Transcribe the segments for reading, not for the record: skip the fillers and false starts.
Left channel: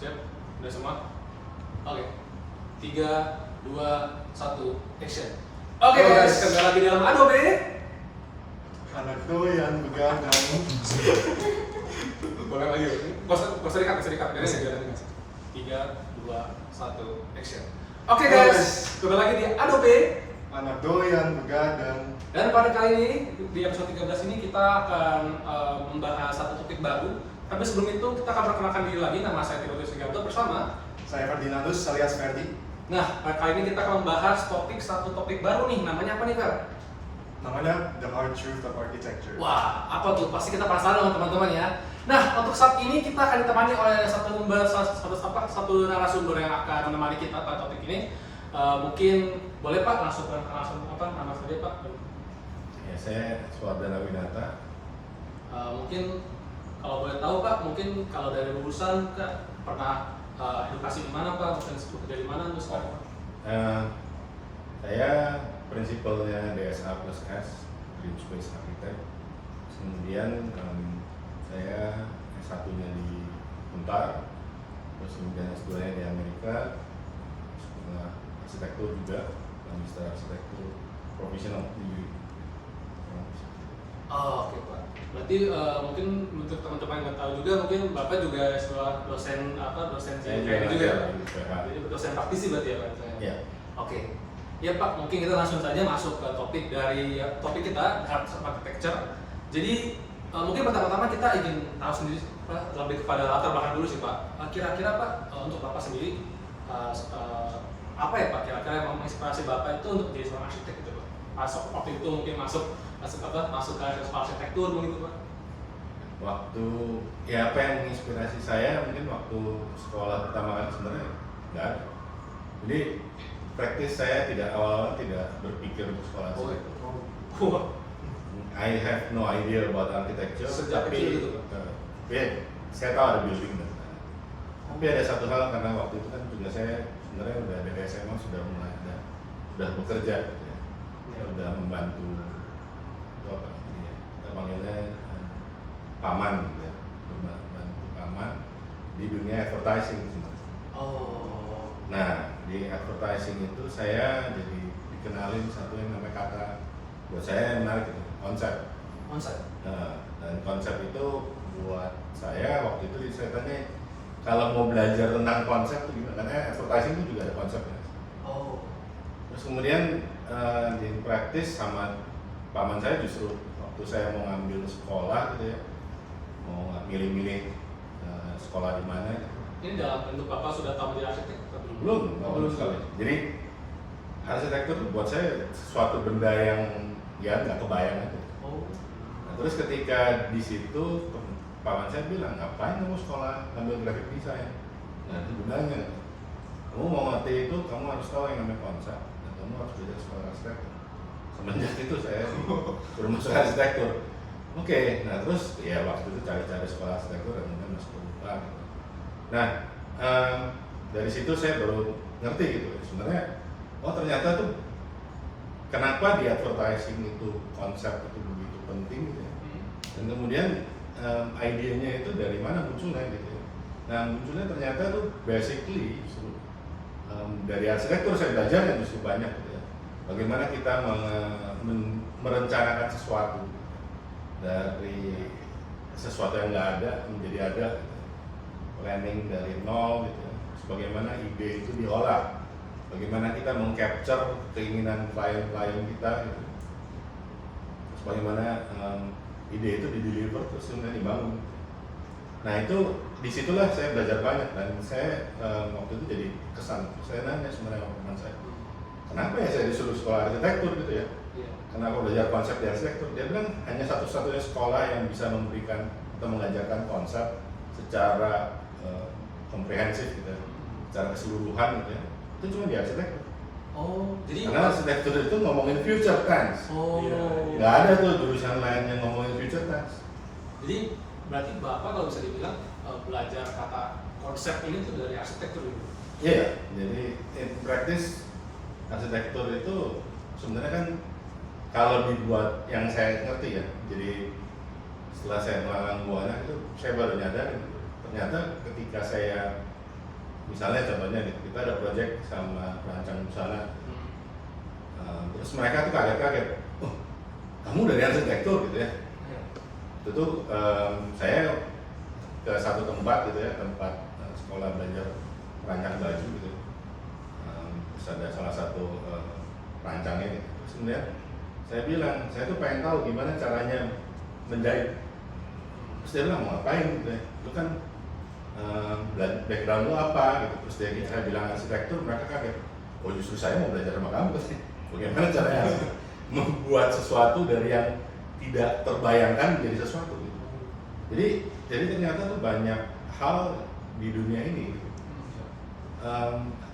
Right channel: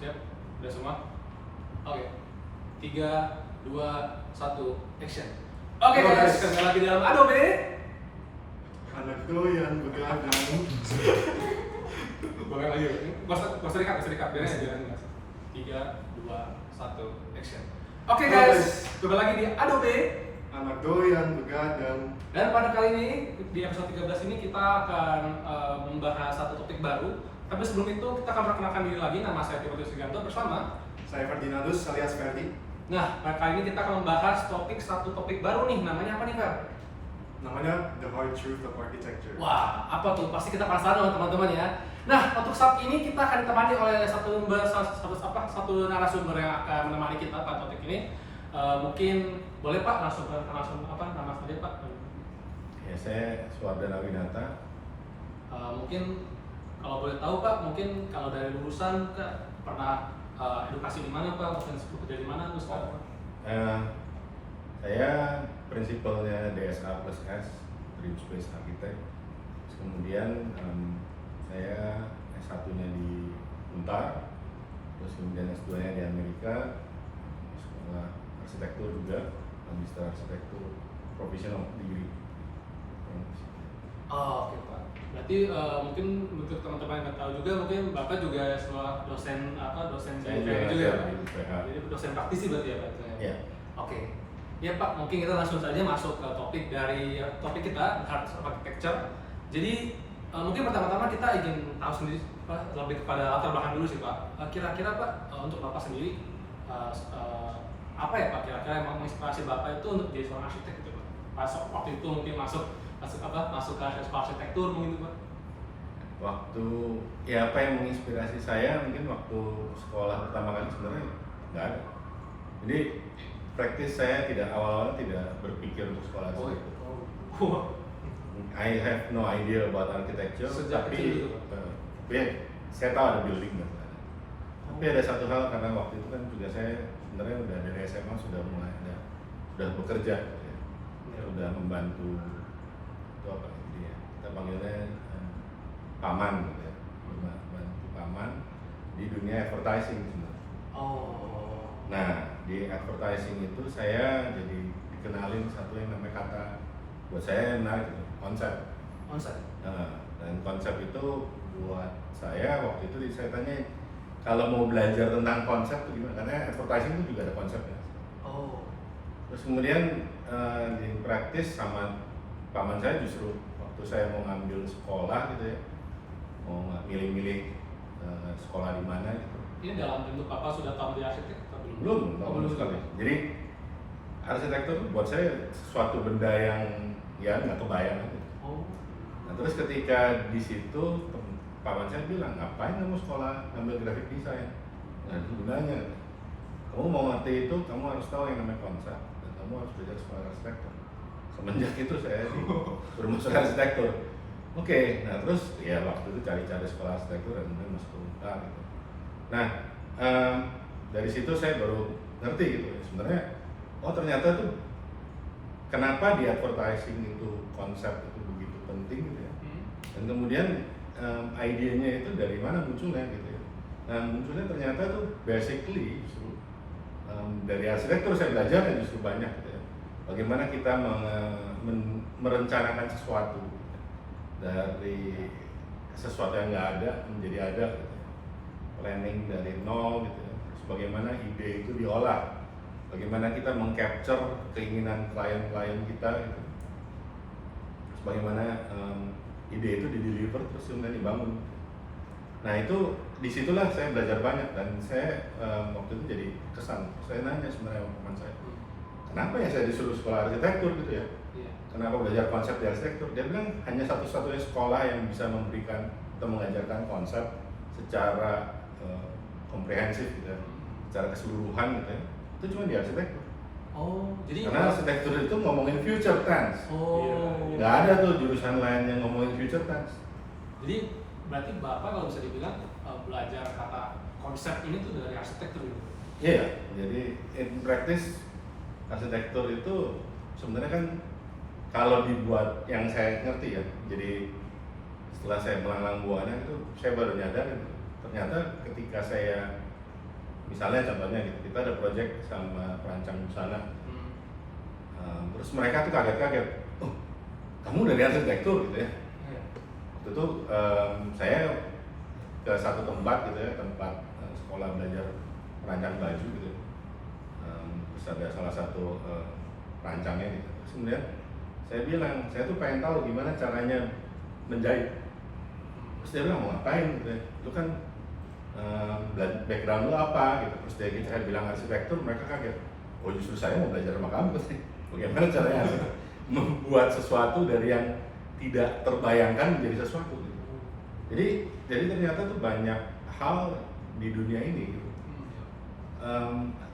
Siap? Udah semua? Oke. 3, 2, 1, action. Oke guys, kembali lagi dalam Adobe. Anak doyan begadang. Boleh lagi. Gak usah dikat, biarin aja. 3, 2, 1, action. Oke guys, kembali lagi di Adobe. Anak doyan begadang. Dan pada kali ini, di episode 13 ini kita akan membahas satu topik baru. Tapi sebelum itu, kita akan perkenalkan diri lagi. Nama saya Timotius Sigarto bersama Saya Ferdinandus alias Ferdi. Nah, pada kali ini kita akan membahas satu topik baru nih. Namanya apa nih, Kak? Namanya The Hard Truth of Architecture. Wah, apa tuh? Pasti kita penasaran teman-teman ya. Nah, untuk saat ini kita akan ditemani oleh satu narasumber yang akan menemani kita pada topik ini. Mungkin boleh Pak langsung nama saja Pak? Ya, saya Suardana Winata. Mungkin kalau boleh tahu Pak, mungkin kalau dari lulusan Kak pernah edukasi di mana Pak? Mungkin kerja di mana terus Kak? Saya prinsipalnya DSA plus S, Dream Space Architect. Kemudian saya S1-nya di Untar, terus kemudian S2-nya di Amerika, sekolah arsitektur juga, magister arsitektur profesional degree. Oh, oke Pak. Berarti mungkin untuk teman-teman yang nggak tahu juga, mungkin Bapak juga sebuah dosen Saya di ITB juga ya Pak? di UPH. Jadi dosen praktisi berarti ya Pak? Iya. Oke. Ya Pak, mungkin kita langsung saja masuk ke topik kita, Art of Architecture. Jadi mungkin pertama-tama kita ingin tahu sendiri Pak, lebih kepada latar belakang dulu sih Pak. Kira-kira Pak, untuk Bapak sendiri apa ya Pak kira-kira yang menginspirasi Bapak itu untuk jadi seorang arsitek gitu Pak? Pas waktu itu mungkin masuk ke arsitektur mungkin Pak? Waktu ya apa yang menginspirasi saya mungkin waktu sekolah pertama kali sebenarnya nggak ada. Jadi praktis saya awal-awal tidak berpikir untuk sekolah arsitektur. I have no idea about architecture. Sejak kecil gitu, Ya, saya tahu ada building dan tapi ada satu hal karena waktu itu kan juga saya sebenarnya udah dari SMA sudah mulai sudah bekerja gitu ya. Saya udah membantu itu apa gitu ya. Kita panggilnya paman gitu ya. Membantu paman di dunia advertising sebenarnya. Oh. Nah, di advertising itu saya jadi dikenalin satu yang namanya kata buat saya menarik gitu, konsep. Nah, dan konsep itu buat saya waktu itu saya tanya kalau mau belajar tentang konsep itu gimana? Karena advertising itu juga ada konsepnya. Oh. Terus kemudian di praktis sama paman saya justru waktu saya mau ngambil sekolah gitu ya, mau milih-milih sekolah di mana gitu. Ini dalam bentuk Bapak sudah tahu menjadi arsitek atau belum? Belum sekali. Jadi arsitektur buat saya sesuatu benda yang ya nggak kebayang aja. Oh. Nah, terus ketika di situ paman saya bilang, ngapain kamu sekolah ambil graphic design? Nah, itu gunanya. Kamu mau ngerti itu, kamu harus tahu yang namanya konsep dan kamu harus belajar sekolah arsitektur. Semenjak itu saya disuruh masuk arsitektur. Oke, nah terus ya waktu itu cari-cari sekolah arsitektur dan kemudian masuk ke UNTAR. Gitu. Nah, dari situ saya baru ngerti gitu. Sebenarnya, oh ternyata tuh kenapa di advertising itu konsep itu begitu penting gitu ya. Dan kemudian idenya itu dari mana munculnya gitu ya. Nah munculnya ternyata tuh basically justru dari arsitektur saya belajar ya justru banyak gitu ya. Bagaimana kita merencanakan sesuatu gitu. Dari sesuatu yang nggak ada menjadi ada gitu. Planning dari nol gitu ya. Terus bagaimana ide itu diolah. Bagaimana kita mengcapture keinginan klien-klien kita gitu. Terus bagaimana ide itu dideliver terus kemudian dibangun. Nah itu disitulah saya belajar banyak dan saya waktu itu jadi kesan. Saya nanya sebenarnya sama teman saya, kenapa ya saya disuruh sekolah arsitektur gitu ya? Iya. Kenapa belajar konsep di arsitektur? Dia bilang hanya satu-satunya sekolah yang bisa memberikan atau mengajarkan konsep secara komprehensif gitu, secara keseluruhan gitu ya. Itu cuma di arsitektur. Oh, jadi Karena arsitektur itu ngomongin future tense. Oh. Nggak ada tuh jurusan lain yang ngomongin future tense. Jadi berarti Bapak kalau bisa dibilang belajar kata konsep ini tuh dari arsitektur gitu. Iya, jadi in practice arsitektur itu sebenarnya kan kalau dibuat yang saya ngerti ya. Jadi setelah saya melalang buana itu saya baru nyadar ternyata ketika saya misalnya contohnya gitu, kita ada project sama perancang busana, terus mereka tuh kaget-kaget, oh kamu dari arsitektur gitu ya. Itu tuh saya ke satu tempat gitu ya, tempat sekolah belajar perancang baju gitu. Terus ada salah satu perancangnya gitu. Terus kemudian saya bilang, saya tuh pengen tahu gimana caranya menjahit. Terus dia bilang, mau ngapain gitu ya, lu kan background lu apa gitu. Terus dia gitu, saya bilang arsitektur, mereka kaget, oh justru saya mau belajar sama kamu pasti. Bagaimana caranya membuat sesuatu dari yang tidak terbayangkan menjadi sesuatu gitu. Jadi ternyata tuh banyak hal di dunia ini gitu.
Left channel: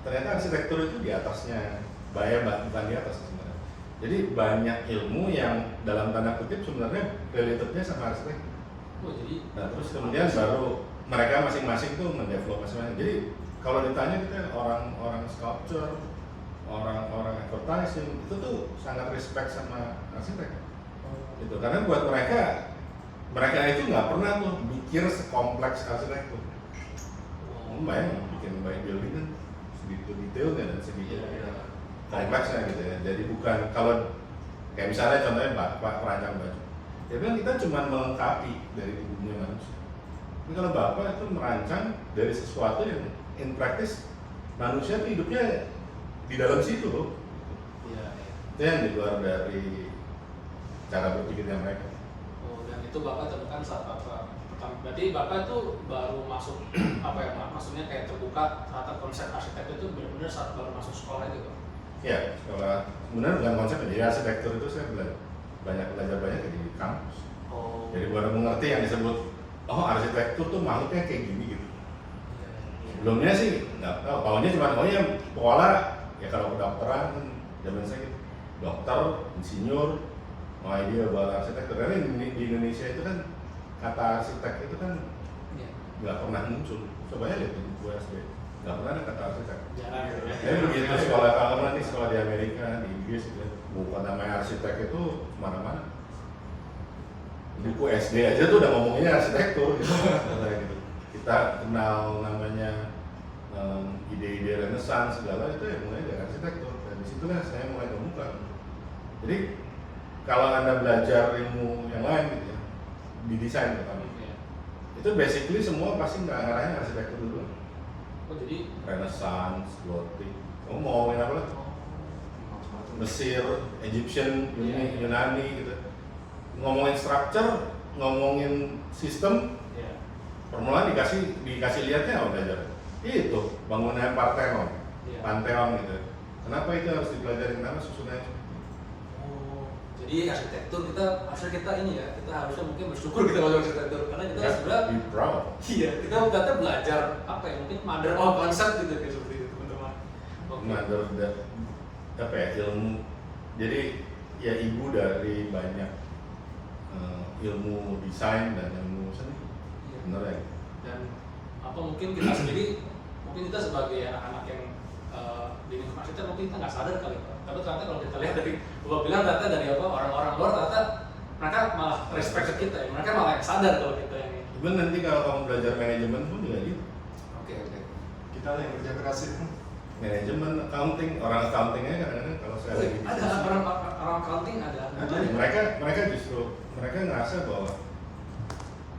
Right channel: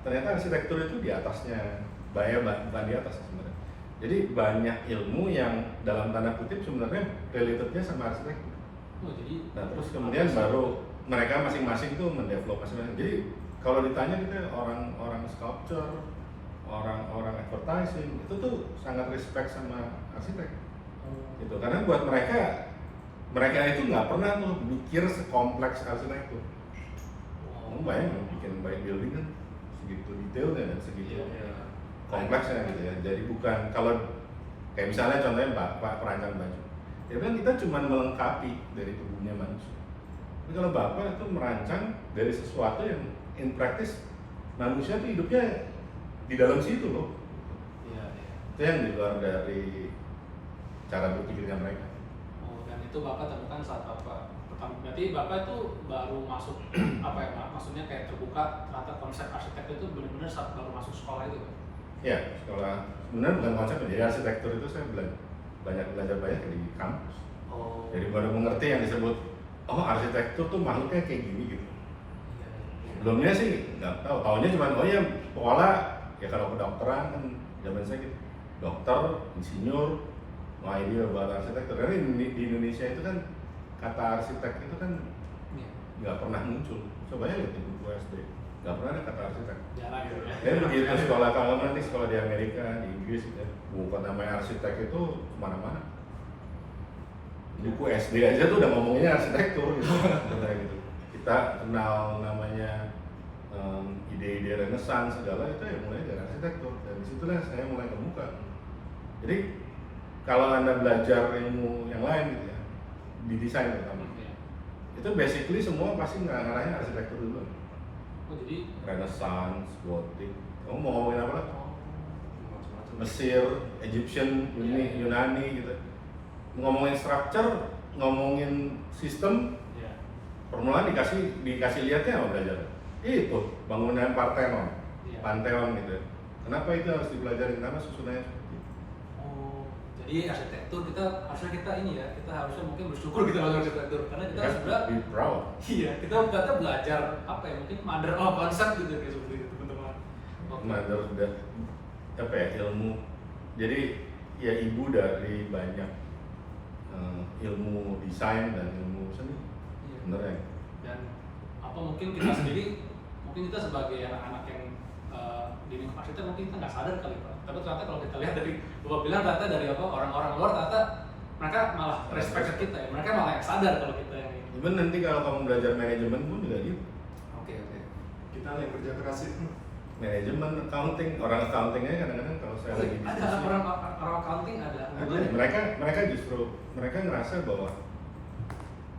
Ternyata arsitektur itu di atasnya, bukan di atas sebenarnya. Jadi banyak ilmu yang dalam tanda kutip sebenarnya relatednya sama arsitektur. Nah terus kemudian baru mereka masing-masing tuh mendevelop masing-masing. Jadi kalau ditanya kita orang sculpture, orang advertising itu tuh sangat respect sama arsitek. Gitu. Karena buat mereka itu nggak pernah tuh mikir sekompleks arsitektur. Bayangin bikin building kan segitu detailnya dan segitu kompleksnya gitu ya. Jadi bukan kalau kayak misalnya contohnya Bapak perancang baju, dia bilang kita cuma melengkapi dari tubuhnya manusia. Tapi kalau Bapak itu merancang dari sesuatu yang in practice manusia tuh hidupnya di dalam situ loh. Itu yang di luar dari cara berpikirnya mereka. Oh, dan itu Bapak temukan saat Bapak pertama, berarti Bapak itu baru masuk apa ya Pak? Maksudnya kayak terbuka ternyata konsep arsitektur itu benar-benar saat baru masuk sekolah itu Pak? Ya, sekolah sebenarnya bukan konsep jadi arsitektur itu saya belajar banyak di kampus. Oh. Jadi baru mengerti yang disebut oh arsitektur tuh makhluknya kayak gini gitu. Sebelumnya sih nggak tahu, tahunya cuma oh ya sekolah ya kalau kedokteran kan zaman saya gitu, dokter, insinyur, no idea buat arsitektur. Karena di Indonesia itu kan kata arsitek itu kan nggak pernah muncul. Coba ya lihat di buku SD, nggak pernah ada kata arsitek. Jarang gitu ya. Jadi begitu sekolah kalau nanti sekolah di Amerika, di Inggris gitu, bukan namanya arsitek itu kemana-mana. Buku SD aja tuh udah ngomonginnya arsitektur gitu. Kayak gitu. Kita kenal namanya ide-ide Renaissance segala itu ya mulai dari arsitektur. Dan disitulah saya mulai kebuka. Jadi kalau Anda belajar ilmu yang lain gitu ya, di desain terutama, itu basically semua pasti ngarahnya arsitektur dulu. Oh jadi Renaissance, Gothic. Kamu mau ngomongin apa lah? Mesir, Egyptian, Yunani gitu. Ngomongin structure, ngomongin sistem, permulaan dikasih lihatnya apa belajar? Itu bangunan Parthenon, Pantheon gitu. Kenapa itu harus dipelajari? Karena susunannya seperti itu. Oh, jadi arsitektur harusnya kita ini ya, kita harusnya mungkin bersyukur kita masuk arsitektur karena kita sebenarnya be proud. Iya, kita ternyata belajar apa ya, mungkin mother of concept gitu kayak seperti itu teman-teman. Mother apa ya ilmu. Jadi ya ibu dari banyak ilmu desain dan ilmu seni. Iya. Bener ya. Dan apa mungkin kita sendiri, mungkin kita sebagai anak-anak yang di lingkungan arsitek mungkin kita nggak sadar kali Pak. Tapi ternyata kalau kita lihat dari Bapak bilang ternyata dari apa orang-orang luar ternyata mereka malah respect ke kita ya. Mereka malah yang sadar kalau kita yang ini. Even nanti kalau kamu belajar manajemen pun juga gitu. Oke. Kita yang kerja keras itu. Manajemen, accounting, orang accountingnya kadang-kadang kalau saya lagi Ada diskusi, orang accounting ada. mereka justru ngerasa bahwa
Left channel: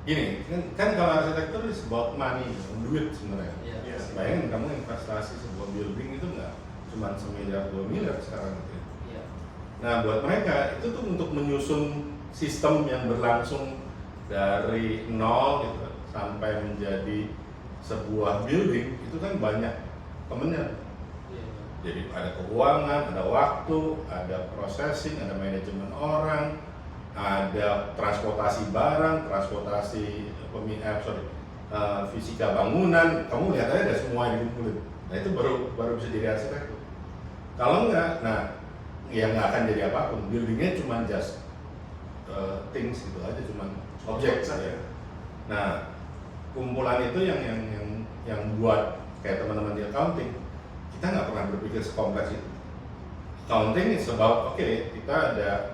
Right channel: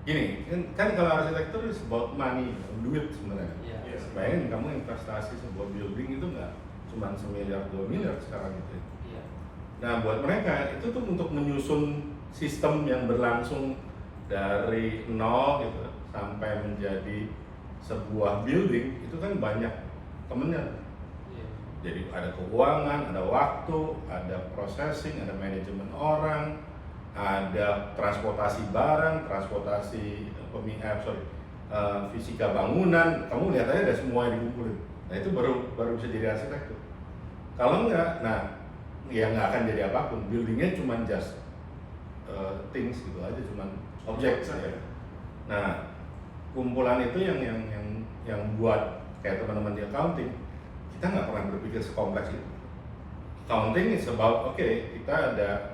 gini kan kalau arsitektur is about money, duit sebenarnya. Iya. Bayangin kamu investasi sebuah building itu nggak cuma 1 miliar 2 miliar sekarang gitu. Iya. Nah buat mereka itu tuh untuk menyusun sistem yang berlangsung dari nol gitu sampai menjadi sebuah building itu kan banyak temennya. Iya. Jadi ada keuangan, ada waktu, ada processing, ada manajemen orang, ada transportasi barang, transportasi fisika bangunan. Kamu lihat aja ada semua yang dikumpulin. Nah itu baru bisa jadi arsitektur. Kalau enggak, nah ya nggak akan jadi apapun. Buildingnya cuma just things gitu aja, cuma objek saja. Nah kumpulan itu yang buat kayak teman-teman di accounting, kita nggak pernah berpikir sekompleks itu. Accounting is about kita ada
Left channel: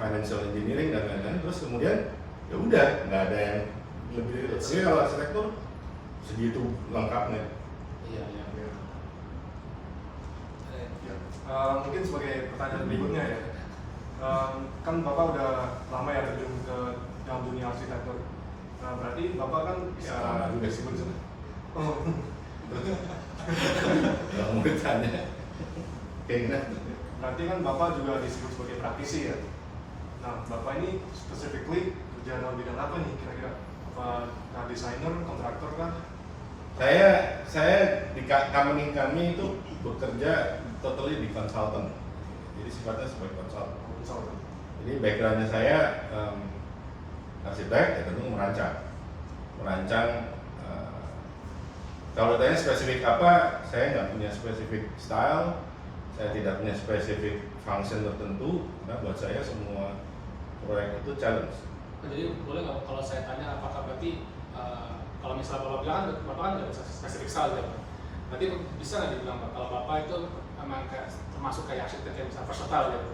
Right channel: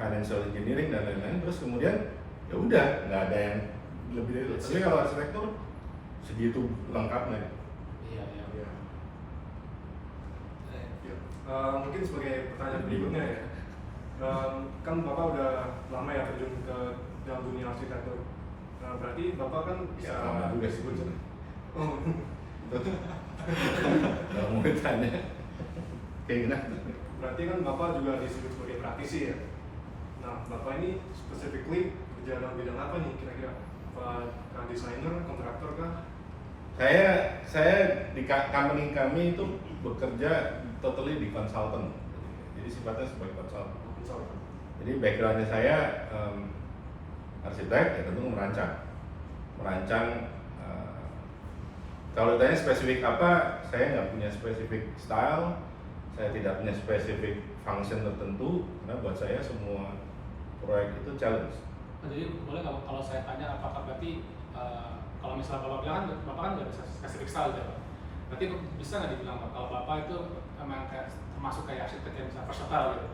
financial engineering dan lain-lain, terus kemudian ya udah nggak ada yang lebih dari itu. Tapi kalau arsitektur segitu lengkapnya. Iya. Ya. Mungkin sebagai pertanyaan berikutnya ya, kan Bapak udah lama ya terjun ke dalam dunia arsitektur. Berarti Bapak kan bisa Ya, lama juga sih disebut. bener. Kalau mau ditanya kayak gimana? Berarti kan Bapak juga disebut sebagai praktisi ya. Nah, Bapak ini specifically kerja dalam bidang apa nih kira-kira? Apakah desainer, kontraktor kah? Saya di company kami itu bekerja totally di consultant. Jadi sifatnya sebagai consultant. Konsultan. Jadi backgroundnya saya arsitek, ya tentu merancang. Kalau ditanya spesifik apa, saya nggak punya spesifik style, saya tidak punya spesifik function tertentu, karena buat saya semua proyek itu challenge. Jadi boleh nggak kalau saya tanya apakah berarti kalau misalnya Bapak bilang kan Bapak kan nggak bisa spesifik style gitu Pak. Berarti bisa nggak dibilang Pak kalau Bapak itu memang kayak termasuk kayak arsitek yang bisa versatile gitu?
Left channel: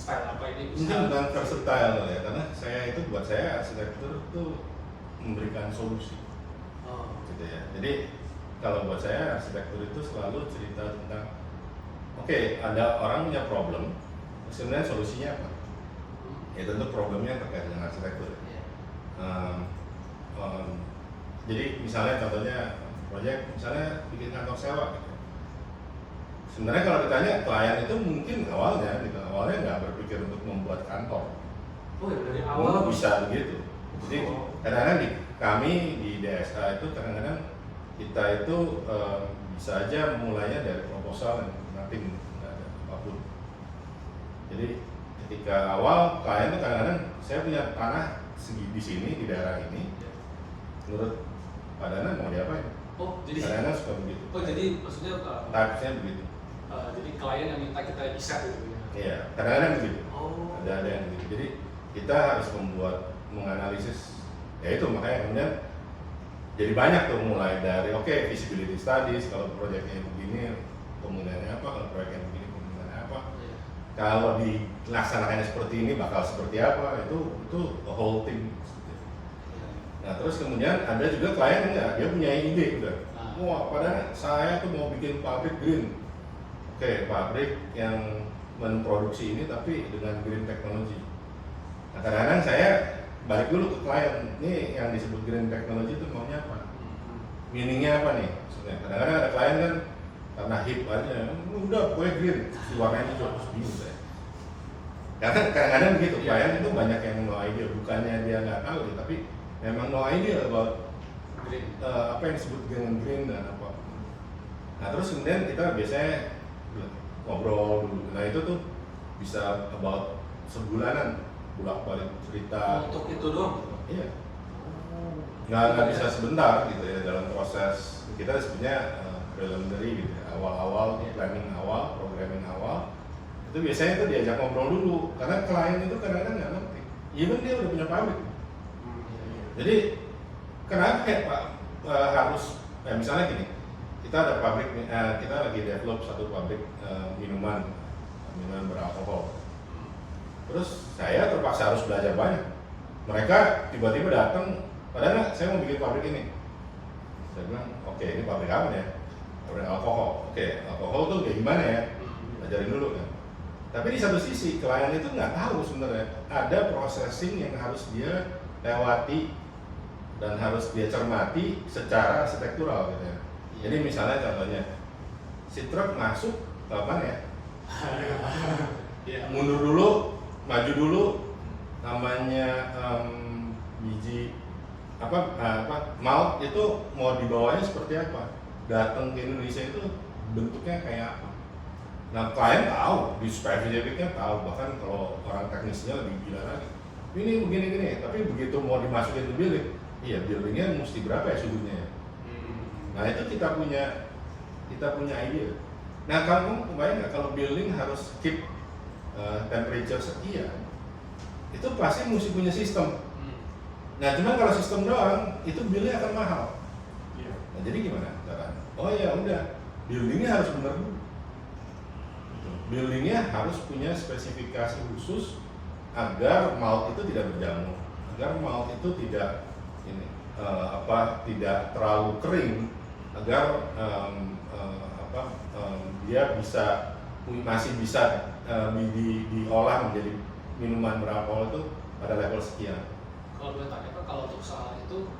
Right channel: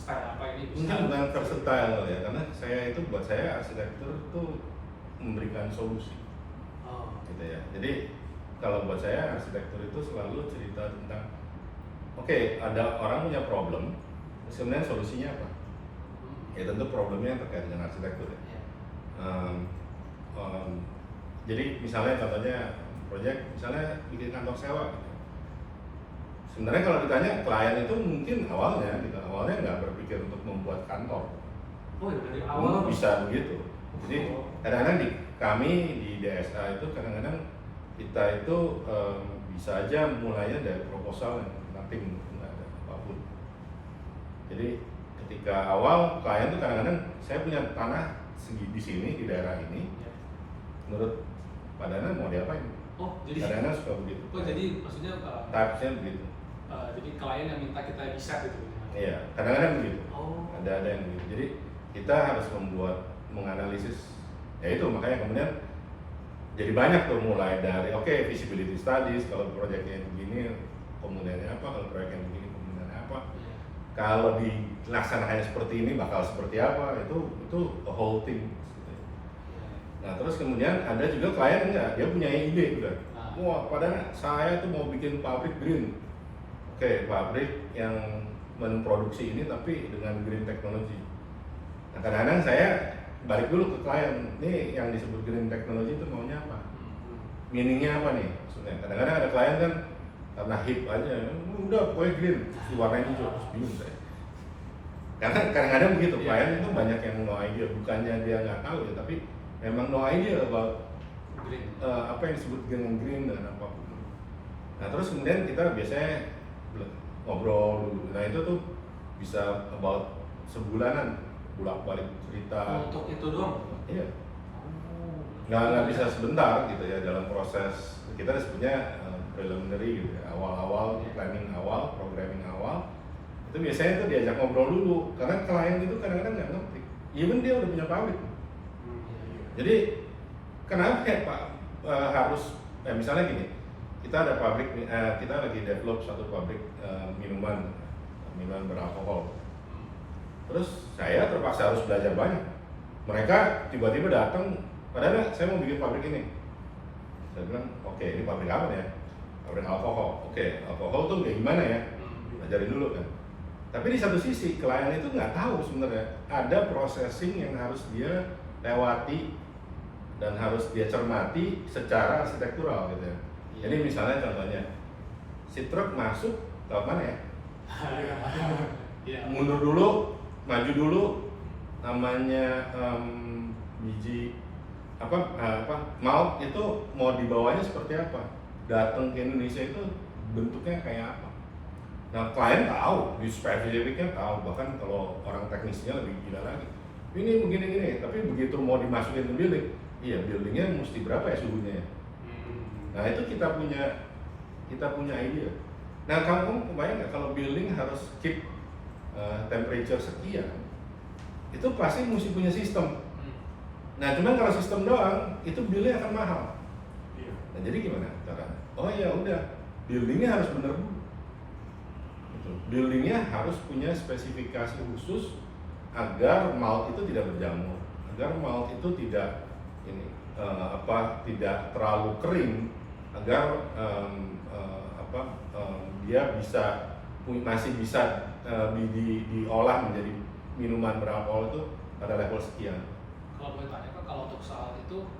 Style apa ini bisa? Mungkin bukan versatile ya, karena buat saya arsitektur itu memberikan solusi, Oh. gitu ya. Jadi kalau buat saya arsitektur itu selalu cerita tentang, oke, ada orang punya problem, sebenarnya solusinya apa? Ya tentu problemnya yang terkait dengan arsitektur ya. Iya. Jadi misalnya contohnya proyek misalnya bikin kantor sewa gitu. Sebenarnya kalau ditanya klien itu mungkin awalnya nggak berpikir untuk membuat kantor. Oh ya dari awal Bisa begitu. Jadi kadang-kadang kami di DSA itu kadang-kadang kita itu bisa aja mulainya dari proposal yang nothing, nggak ada apapun. Jadi ketika awal klien itu kadang-kadang saya punya tanah segi di sini di daerah ini, menurut Pak Dana mau diapain? Oh jadi Kadang-kadang suka begitu. Oh jadi maksudnya Typesnya begitu. jadi klien yang minta kita desain gitu ya? Iya, kadang-kadang begitu. Oh. Ada yang begitu. Jadi kita harus menganalisis. Ya itu makanya kemudian jadi banyak tuh mulai dari feasibility studies kalau proyeknya begini kemudiannya apa, kalau proyeknya begini kemudiannya apa. Iya. Kalau dilaksanakannya seperti ini bakal seperti apa, itu a whole thing. Nah terus kemudian ada juga klien enggak, dia punya ide udah. Wah padahal saya tuh mau bikin pabrik green. Oke, pabrik yang memproduksi ini tapi dengan green technology. Nah kadang-kadang saya balik dulu ke klien, ini yang disebut green technology itu maunya apa? Meaningnya apa nih? Maksudnya kadang-kadang ada klien kan karena hip aja, udah pokoknya green, warnanya hijau, terus bingung saya. Karena kadang-kadang begitu, klien itu banyak yang no idea, bukannya dia nggak tahu, tapi memang no idea about Green. apa yang disebut dengan green dan apa. Nah terus kemudian kita biasanya ngobrol dulu. Nah itu tuh bisa about sebulanan bolak-balik cerita. Untuk itu doang? Iya. Oh. Nggak bisa sebentar gitu ya dalam proses kita sebutnya preliminary gitu ya, awal-awal planning awal, programming awal. Itu biasanya tuh diajak ngobrol dulu karena klien itu kadang-kadang nggak ngerti. Even dia udah punya pabrik. Jadi kenapa ya Pak harus misalnya gini, kita ada pabrik, kita lagi develop satu pabrik minuman beralkohol. Terus saya terpaksa harus belajar banyak. Mereka tiba-tiba datang, padahal saya mau bikin pabrik ini. Saya bilang, oke, ini pabrik apa ya? Pabrik alkohol. Oke, alkohol tuh kayak gimana ya? Ajarin dulu kan. Tapi di satu sisi klien itu nggak tahu sebenarnya ada processing yang harus dia lewati dan harus dia cermati secara arsitektural gitu ya. Jadi misalnya contohnya, si truk masuk ke mana ya? Mundur dulu, maju dulu, namanya biji malt itu mau dibawanya seperti apa? Datang ke Indonesia itu bentuknya kayak apa? Nah klien tahu, di spesifiknya tahu, bahkan kalau orang teknisnya lebih gila lagi. Ini begini-gini, tapi begitu mau dimasukin ke building, iya buildingnya mesti berapa ya suhunya ya? Nah itu kita punya ide. Nah kamu kebayang nggak kalau building harus keep temperature sekian, itu pasti mesti punya sistem. Nah cuma kalau sistem doang, itu billnya akan mahal. Nah jadi gimana caranya? Oh ya udah, buildingnya harus benar dulu. Buildingnya harus punya spesifikasi khusus agar malt itu tidak berjamur, agar malt itu tidak tidak terlalu kering agar dia masih bisa diolah menjadi minuman beralkohol itu pada level sekian. Kalau boleh tanya Pak, kalau untuk soal itu,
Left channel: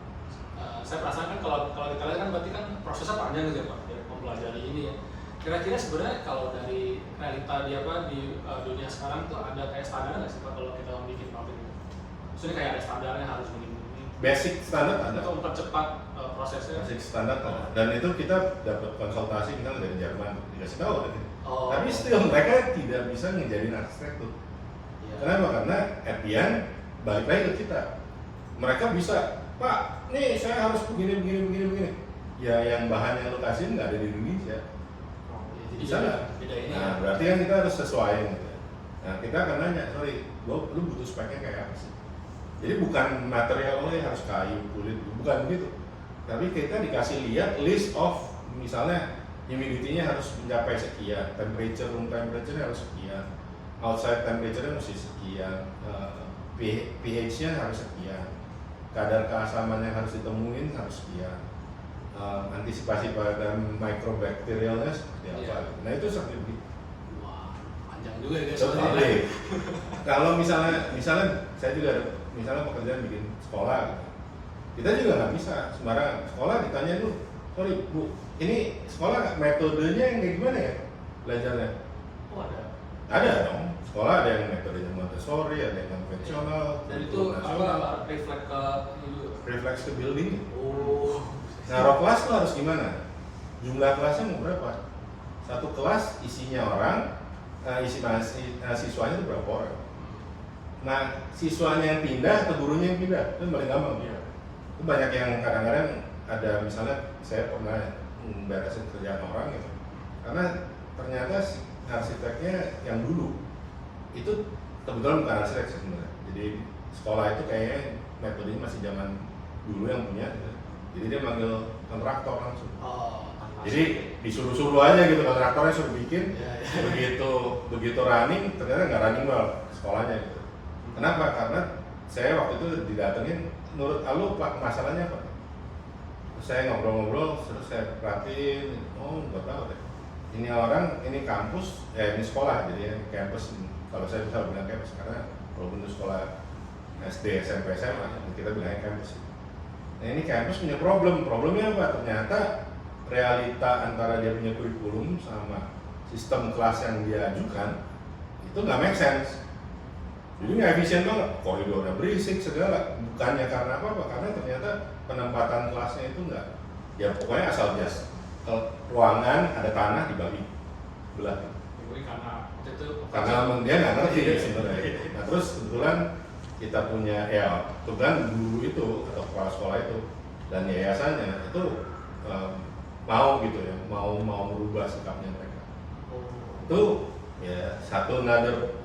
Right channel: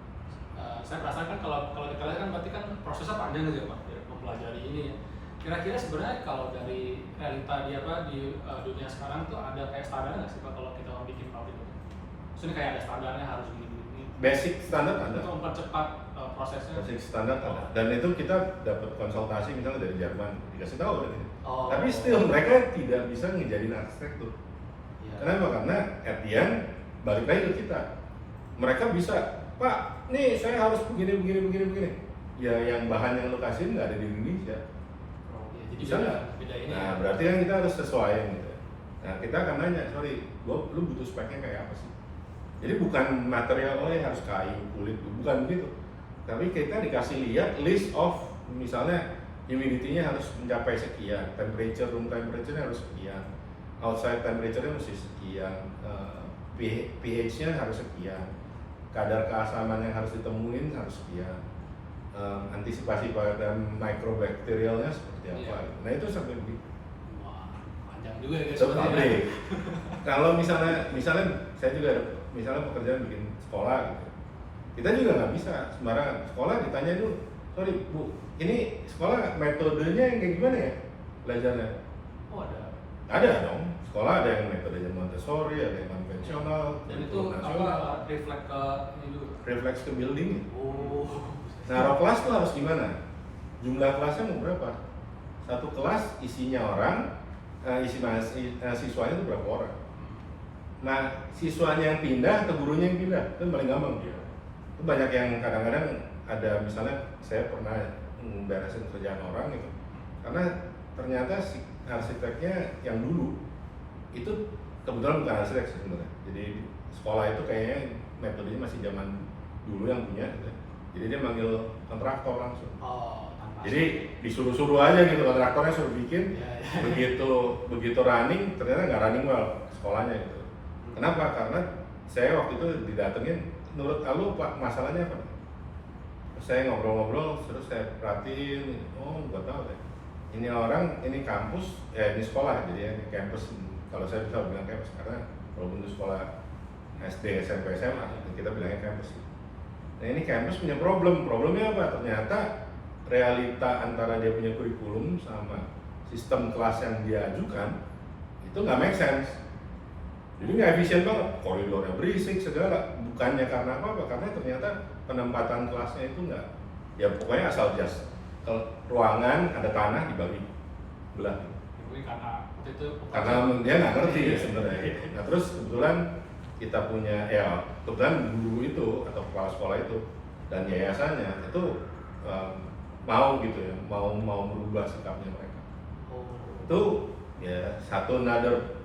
saya perasaan kan kalau kita lihat kan berarti kan prosesnya panjang gitu ya Pak, biar mempelajari ini ya. Kira-kira sebenarnya kalau dari realita di dunia sekarang tuh ada kayak standar nggak sih Pak kalau kita mau bikin pabrik itu? Maksudnya kayak ada standarnya harus begini. Basic standar ada. Untuk mempercepat prosesnya. Basic standar ada. Dan itu kita dapat konsultasi misalnya dari Jerman, dikasih tahu ada gitu. Tapi still mereka tidak bisa ngejadiin arsitektur. Iya. Kenapa? Karena at the end, balik lagi ke kita. Mereka bisa, Pak, nih saya harus begini. Ya yang bahan yang lo kasih nggak ada di Indonesia. Ya, jadi Bisa nggak? beda ini. Nah, berarti kan kita harus sesuaiin gitu. Nah, kita akan nanya, sorry, lu butuh speknya kayak apa sih? Jadi bukan material harus kayu, kulit, bukan begitu. Tapi kita dikasih lihat list of misalnya humidity-nya harus mencapai sekian, room temperature-nya harus sekian, outside temperature-nya mesti sekian, pH-nya harus sekian, kadar keasaman yang harus ditemuin harus sekian, antisipasi pada microbacterialnya seperti apa. Iya. Nah itu seperti itu. Wah, panjang juga ya guys. Seperti kalau misalnya saya juga ada misalnya pekerjaan bikin sekolah gitu, kita juga nggak bisa sembarangan. Sekolah ditanya dulu, sorry Bu, ini sekolah metodenya yang kayak gimana ya belajarnya? Oh ada. Ada dong, sekolah ada yang metodenya Montessori, ada yang konvensional, Dan itu apa reflect ke itu? refleks ke building. Oh. Nah, row kelas tuh harus gimana? Jumlah kelasnya mau berapa? Satu kelas isinya orang, siswanya itu berapa orang? Nah, siswanya yang pindah atau gurunya yang pindah? Itu paling gampang. Iya. Itu banyak yang kadang-kadang ada misalnya saya pernah beresin kerjaan orang gitu. Karena ternyata arsiteknya yang dulu itu kebetulan bukan arsitek sebenarnya. Jadi sekolah itu kayaknya metodenya masih zaman dulu yang punya gitu. Jadi dia manggil kontraktor langsung. Oh, Jadi disuruh-suruh aja gitu, kontraktornya suruh bikin. Ya, ya. Begitu running ternyata nggak running well sekolahnya gitu. Kenapa? Karena saya waktu itu didatengin, menurut Alu Pak masalahnya apa? Saya ngobrol-ngobrol, terus saya perhatiin, oh nggak tahu deh. Ini orang, ini kampus, ini sekolah, jadi ini kampus. Kalau saya bisa bilang kampus karena walaupun itu sekolah SD, SMP, SMA, kita bilangnya kampus. Nah ini kampus punya problemnya apa? Ternyata realita antara dia punya kurikulum sama sistem kelas yang dia ajukan itu nggak make sense. Jadi nggak efisien banget, koridornya berisik segala. Bukannya karena apa? Karena ternyata penempatan kelasnya itu nggak, ya pokoknya asal jas. Kalau ruangan ada tanah dibagi belah. Mungkin karena waktu itu Karena dia nggak ngerti ya sebenarnya. Nah terus kebetulan kita punya kebetulan guru itu atau kepala sekolah itu dan yayasannya itu mau gitu ya, mau merubah sikapnya mereka. Oh. Itu ya satu another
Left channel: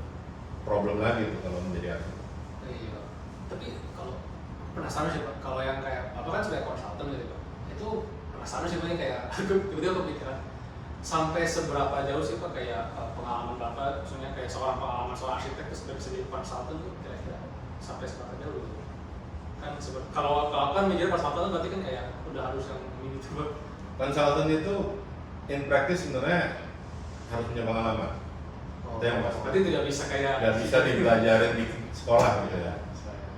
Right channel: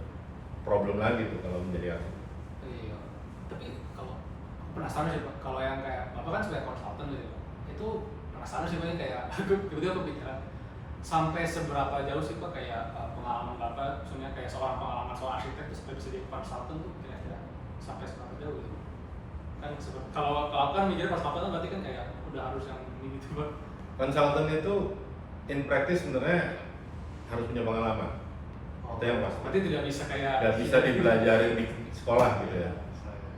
problem lagi tuh kalau menjadi arsitek. Iya. Tapi kalau penasaran sih Pak, kalau yang kayak Bapak kan sebagai konsultan gitu Pak, itu penasaran sih Pak kayak tiba-tiba kepikiran sampai seberapa jauh sih Pak kayak pengalaman Bapak, maksudnya kayak seorang arsitek itu sudah bisa jadi konsultan tuh kira-kira sampai seberapa jauh gitu? Kan kalau kan menjadi konsultan berarti kan kayak udah harus yang ini gitu Pak. Konsultan itu in practice sebenarnya harus punya pengalaman. Itu yang pasti. Berarti tidak bisa kayak Nggak bisa dipelajari di sekolah gitu ya.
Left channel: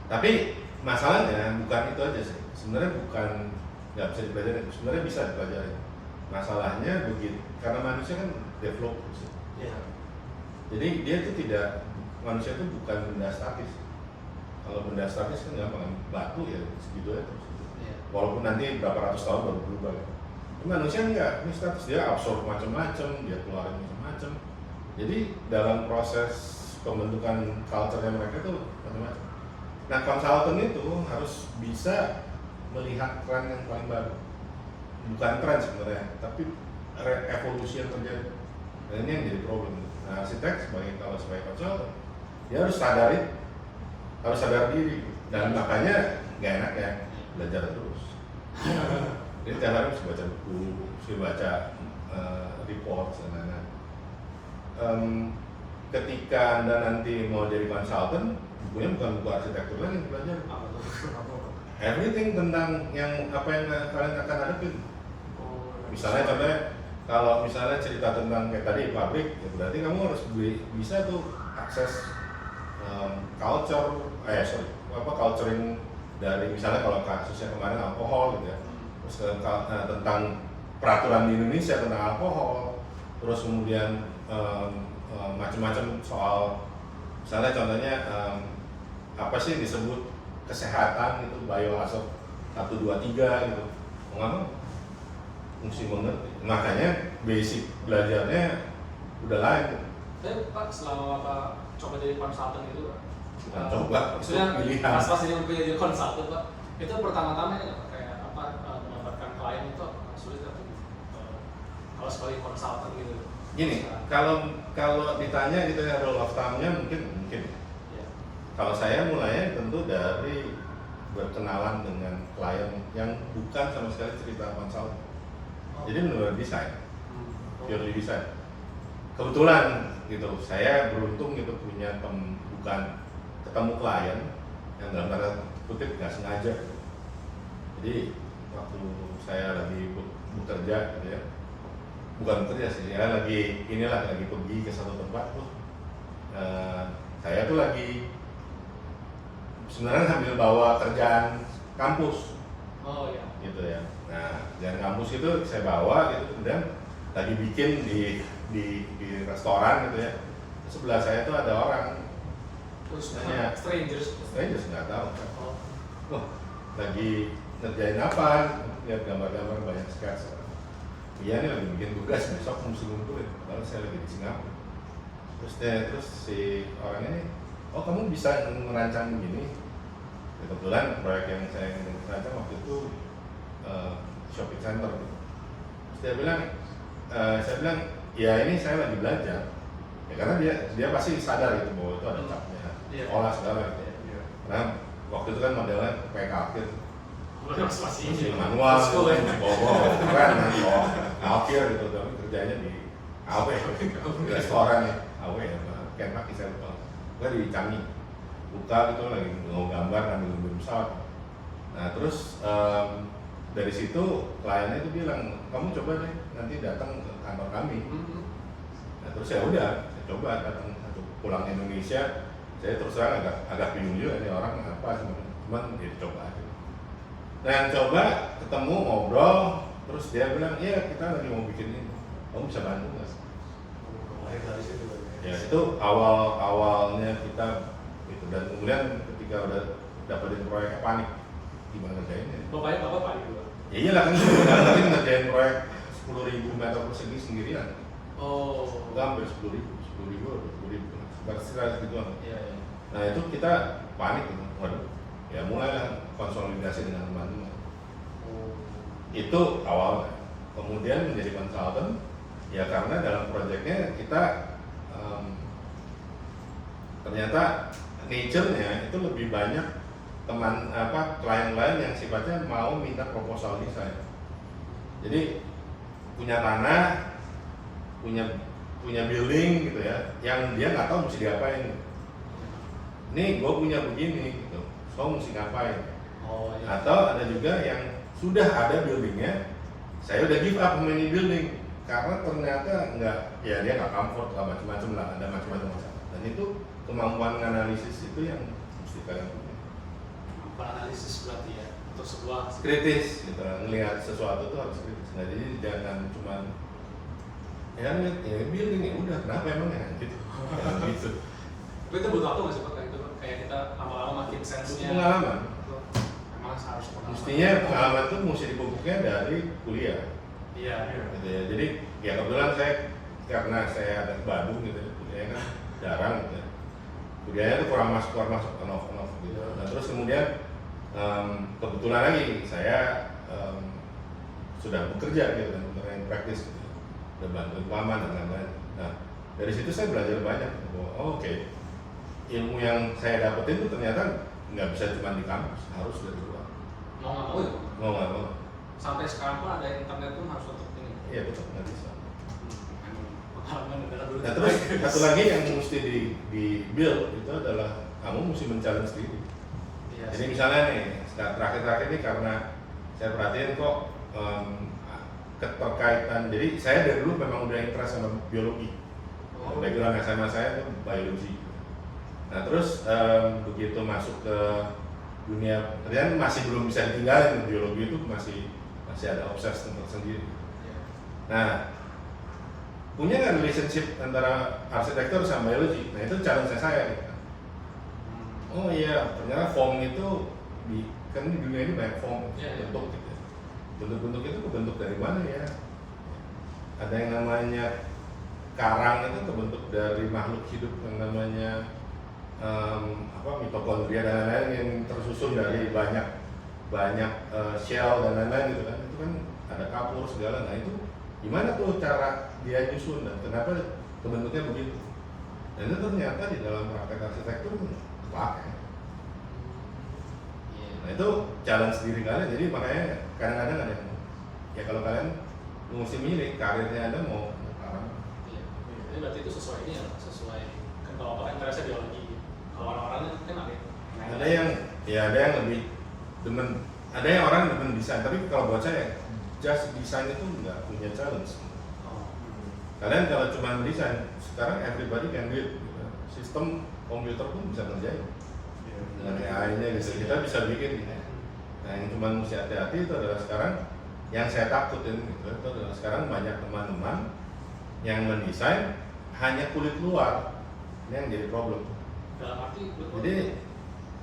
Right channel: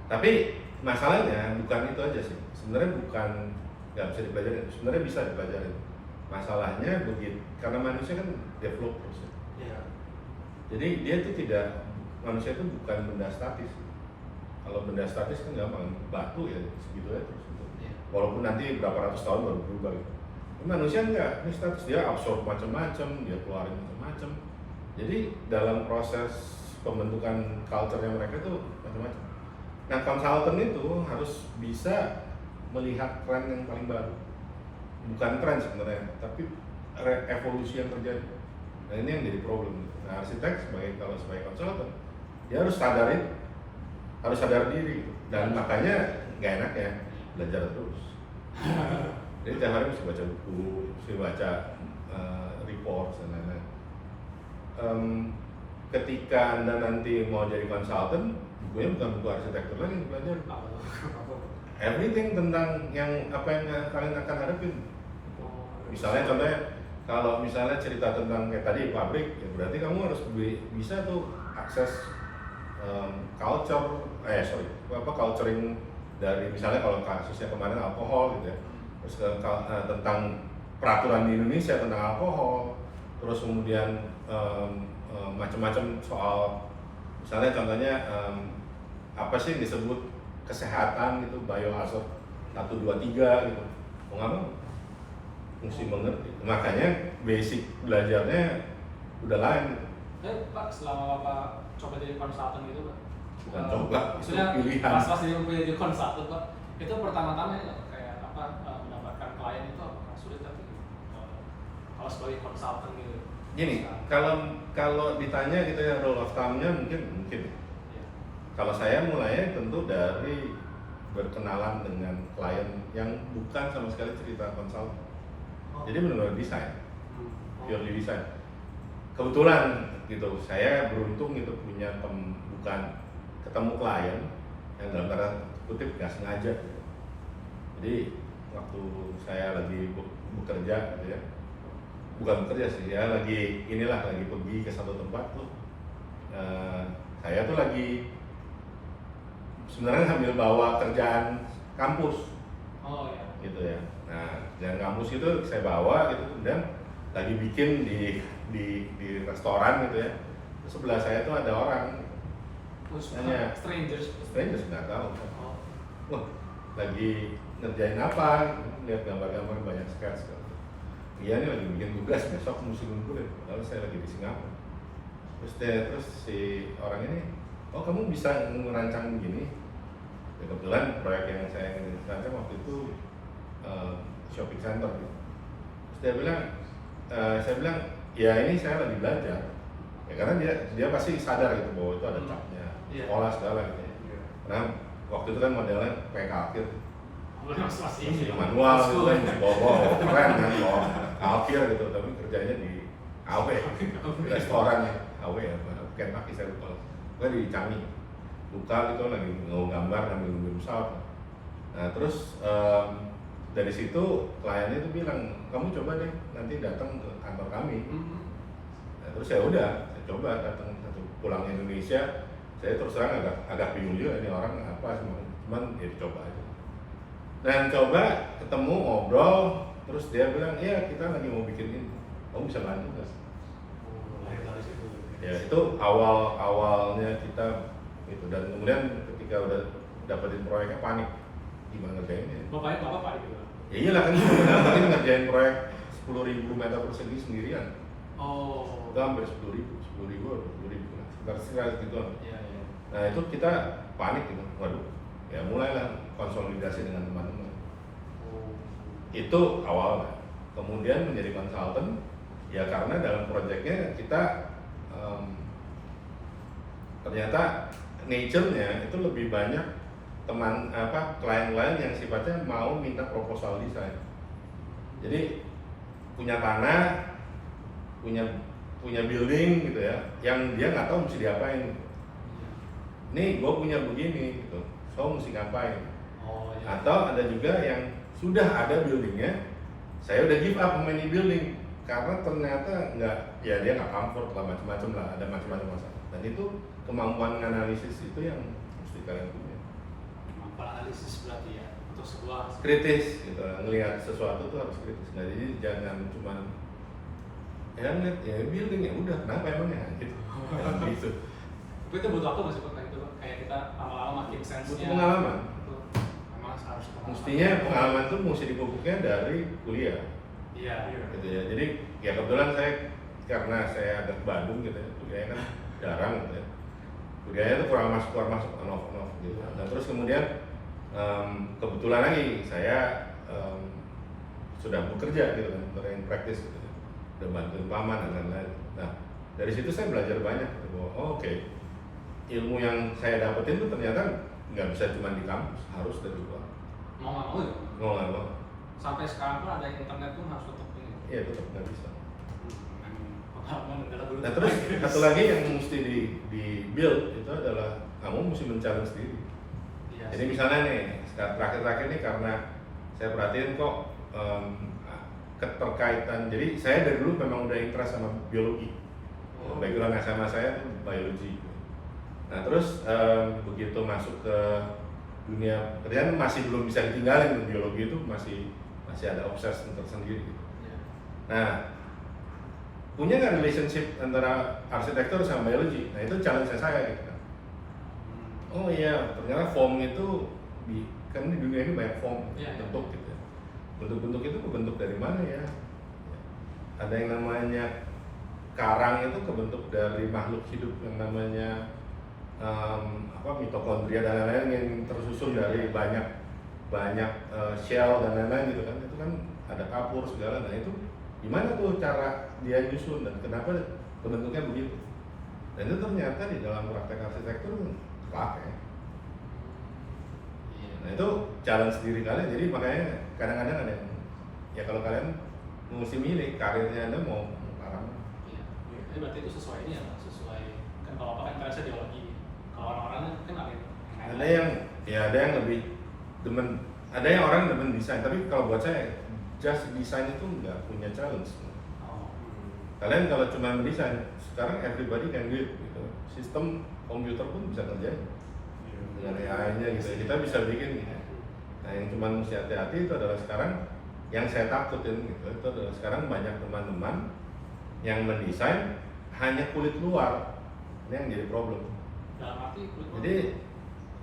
Tapi masalahnya bukan itu aja sih. Sebenarnya bukan nggak bisa dipelajari. Sebenarnya bisa dipelajari. Masalahnya begitu karena manusia kan develop terus. Iya. Jadi dia tuh manusia itu bukan benda statis. Kalau benda statis kan gampang, batu ya segitu aja terus. Iya. Walaupun nanti berapa ratus tahun baru berubah gitu. Ini manusia enggak, ini status dia absorb macam-macam, dia keluarin macam-macam. Jadi dalam proses pembentukan culture-nya mereka itu macam-macam. Nah, konsultan itu harus bisa melihat tren yang paling baru. Bukan tren sebenarnya, tapi evolusi yang terjadi. Nah, ini yang jadi problem. Nah, arsitek kalau sebagai konsultan, dia harus sadar diri. Dan makanya nggak enak ya belajar terus. Jadi tiap hari mesti baca buku, mesti baca report dan lain-lain. Ketika Anda nanti mau jadi konsultan, bukunya bukan buku arsitektur lagi yang belajar. Everything tentang apa yang kalian akan hadapin. Misalnya contohnya kalau misalnya cerita tentang kayak tadi pabrik, ya berarti kamu harus bisa tuh akses culturing dari misalnya kalau kasusnya kemarin alkohol gitu ya, terus tentang peraturan di Indonesia tentang alkohol, terus kemudian macam-macam soal misalnya contohnya apa sih yang disebut kesehatan itu biohazard 1, 2, 3 gitu, mau nggak mau mesti mengerti, makanya basic belajarnya udah lain. Tapi Pak, selama Bapak coba jadi konsultan gitu Pak, Bukan coba, maksudnya pilihan. pas jadi konsultan Pak, itu pertama-tama ya kayak apa mendapatkan klien itu apakah sulit atau kalau sebagai konsultan gitu? Gini, kalau ditanya gitu ya rule of thumb-nya mungkin. Ya. Kalau saya mulainya tentu dari berkenalan dengan klien yang bukan sama sekali cerita konsultan. Jadi benar-benar desain, purely desain. Kebetulan gitu, saya beruntung gitu punya bukan ketemu klien yang dalam tanda kutip nggak sengaja. Jadi waktu saya lagi bekerja gitu ya, bukan bekerja sih, ya lagi pergi ke satu tempat tuh, saya tuh lagi sebenarnya sambil bawa kerjaan kampus. Oh ya. Gitu ya. Nah, kerjaan kampus itu saya bawa gitu, kemudian lagi bikin di restoran gitu ya. Terus sebelah saya tuh ada orang, Terus nanya, strangers nggak tahu. Oh. Wah, lagi ngerjain apa? Lihat gambar-gambar banyak sketch. Iya ini lagi bikin tugas, besok mesti ngumpulin. Padahal saya lagi di Singapura. Terus si orangnya nih, oh kamu bisa merancang begini? Ya, kebetulan proyek yang saya rancang waktu itu shopping center gitu. Terus saya bilang, ya ini saya lagi belajar. Ya karena dia pasti sadar gitu bahwa itu ada capnya, sekolah segala gitu. Karena waktu itu kan modelnya kayak kalkir, masih manual, bawa keren kan, bawa kalkir gitu. Tapi kerjanya di AW, restoran ya, AW ya, Kentucky saya lupa. Gue di Cami, buka gitu lagi mau gambar ngambil pesawat. Nah terus dari situ kliennya itu bilang, kamu coba deh nanti datang ke kantor kami. Nah, terus ya udah, saya coba datang pulang Indonesia. Saya terus terang agak bingung juga ini orang apa, cuman ya dicoba aja. Nah yang coba ketemu ngobrol, terus dia bilang, iya kita lagi mau bikin ini, kamu bisa bantu nggak? Ya itu awalnya kita gitu, dan kemudian ketika udah dapetin proyeknya panik gimana ngerjainnya. Bapaknya Bapak panik juga? Ya iyalah kan kita ngerjain proyek 10.000 meter persegi sendirian. Oh. Itu hampir 10.000 atau 10.000 sekitar segituan. Iya. Nah itu kita panik gitu, waduh. Ya mulailah konsolidasi dengan teman-teman. Itu awalnya. Kemudian menjadi konsultan, ya karena dalam proyeknya kita ternyata nature-nya itu lebih banyak klien-klien yang sifatnya mau minta proposal desain. Jadi punya tanah, punya building gitu ya, yang dia nggak tahu mesti diapain. Nih gue punya begini gitu, so mesti ngapain? Oh, iya. Atau ada juga yang sudah ada buildingnya, saya udah give up sama ini building karena ternyata dia nggak comfort lah, macam-macam lah, ada macam-macam masalah. Dan itu kemampuan analisis itu yang mesti kalian punya. Analisis berarti ya untuk sebuah Kritis gitu, ngelihat sesuatu tuh harus kritis. Nah jadi jangan cuma ya ngeliat ya building ya udah kenapa emangnya gitu. Gitu. Tapi itu butuh waktu nggak sih Pak kayak itu Pak? Kayak kita lama-lama makin sense-nya. Butuh pengalaman. Emang harus pengalaman. Mestinya pengalaman tuh mesti dipupuknya dari kuliah. Iya. Gitu ya. Jadi ya kebetulan karena saya ada di Bandung gitu ya, kuliahnya jarang gitu ya. Kuliahnya tuh kurang masuk on-off gitu. Nah terus kemudian kebetulan lagi saya sudah bekerja gitu kan, yang praktis gitu. Udah bantuin paman dan lain-lain. Nah dari situ saya belajar banyak bahwa oke, ilmu yang saya dapetin tuh ternyata nggak bisa cuma di kampus, harus dari luar. Mau nggak mau ya? Mau nggak mau. Sampai sekarang pun ada internet pun harus tetap ini. Iya tetap nggak bisa. Pengalaman negara dulu. Nah terus satu lagi yang mesti di build itu adalah kamu mesti men-challenge diri. Iya. Jadi misalnya nih terakhir-terakhir ini karena saya perhatiin kok keterkaitan. Jadi saya dari dulu memang udah interest sama biologi. Background SMA saya tuh biologi. Nah terus begitu masuk ke dunia kerjaan masih belum bisa ditinggalin, biologi itu masih ada obses tersendiri. Nah punya nggak relationship antara arsitektur sama biologi? Nah itu challenge saya gitu. Oh iya, ternyata form itu kan di dunia ini banyak form, bentuk gitu. Bentuk-bentuk itu kebentuk dari mana ya? Ada yang namanya karang itu kebentuk dari makhluk hidup yang namanya mitokondria dan lain-lain yang tersusun dari banyak shell dan lain-lain gitu kan. Itu kan ada kapur segala. Nah itu gimana tuh cara dia nyusun dan kenapa bentuknya begitu? Dan itu ternyata di dalam praktek arsitektur pakai. Nah itu challenge diri kalian, jadi makanya kadang-kadang ada yang ya kalau kalian mesti milih karirnya Anda mau karang. Jadi berarti itu sesuai ini ya, sesuai kan kalau apa interestnya biologi. Kalau orang-orang kan ada yang lebih demen, ada yang orang demen desain, tapi kalau buat saya just desain itu nggak punya challenge. Kalian kalau cuma mendesain, sekarang everybody can do it. Gitu. Sistem komputer pun bisa kerjain dengan AI-nya gitu. Kita bisa bikin. Nah yang cuma mesti hati-hati itu adalah sekarang yang saya takutin gitu. Itu adalah sekarang banyak teman-teman yang mendesain hanya kulit luar. Ini yang jadi problem. Dalam arti Jadi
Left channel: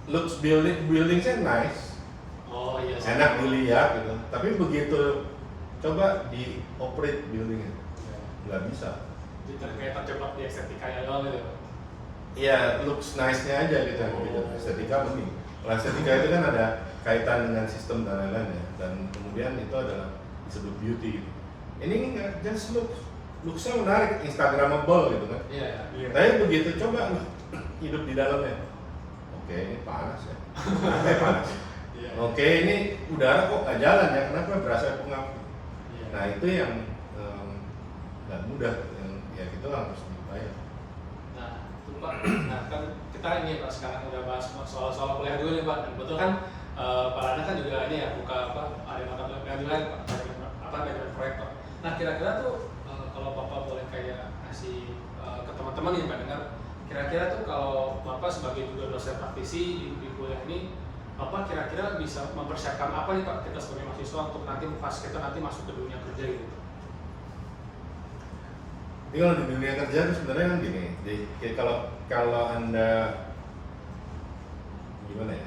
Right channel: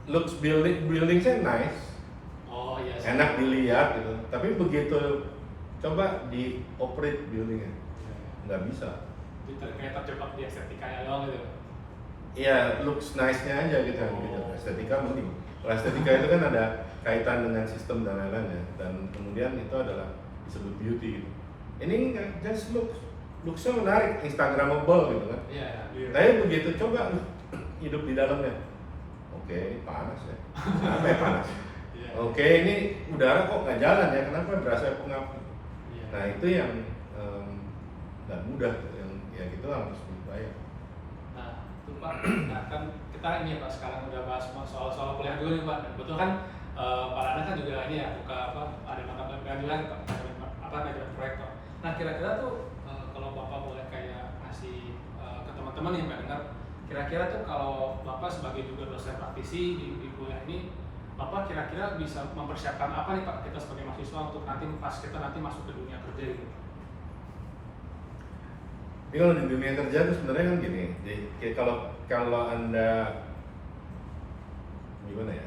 looks building-nya nice. Oh iya. Enak dilihat gitu. Tapi begitu coba di operate buildingnya nggak bisa. Kayak terjebak di estetika ya doang gitu. Iya, looks nice-nya aja gitu. Estetika mending. Kalau estetika itu kan ada kaitan dengan sistem dan lain-lain ya. Dan kemudian itu adalah disebut beauty gitu. Ini nggak just looks-nya menarik, instagramable gitu kan. Iya. Tapi begitu coba hidup di dalamnya. Oke, ini panas ya. Kenapa ya panas? Oke, ini udara kok nggak jalan ya? Kenapa berasa pengap? Nah itu yang nggak mudah, yang ya gitu harus dibayar. Nah, itu Pak. Nah kan kita ini Pak sekarang udah bahas soal kuliah dulu nih Pak. Dan betul kan Pak Rana kan juga ini ya buka ada mata pelajaran lain Pak, manajemen proyek Pak. Nah kira-kira tuh kalau Bapak boleh kayak kasih ke teman-teman yang mendengar, kira-kira tuh kalau Bapak sebagai juga dosen praktisi di kuliah ini, Bapak kira-kira bisa mempersiapkan apa nih Pak kita sebagai mahasiswa untuk nanti pas kita nanti masuk ke dunia kerja gitu? Jadi kalau di dunia kerja itu sebenarnya kan gini, jadi kalau Anda gimana ya?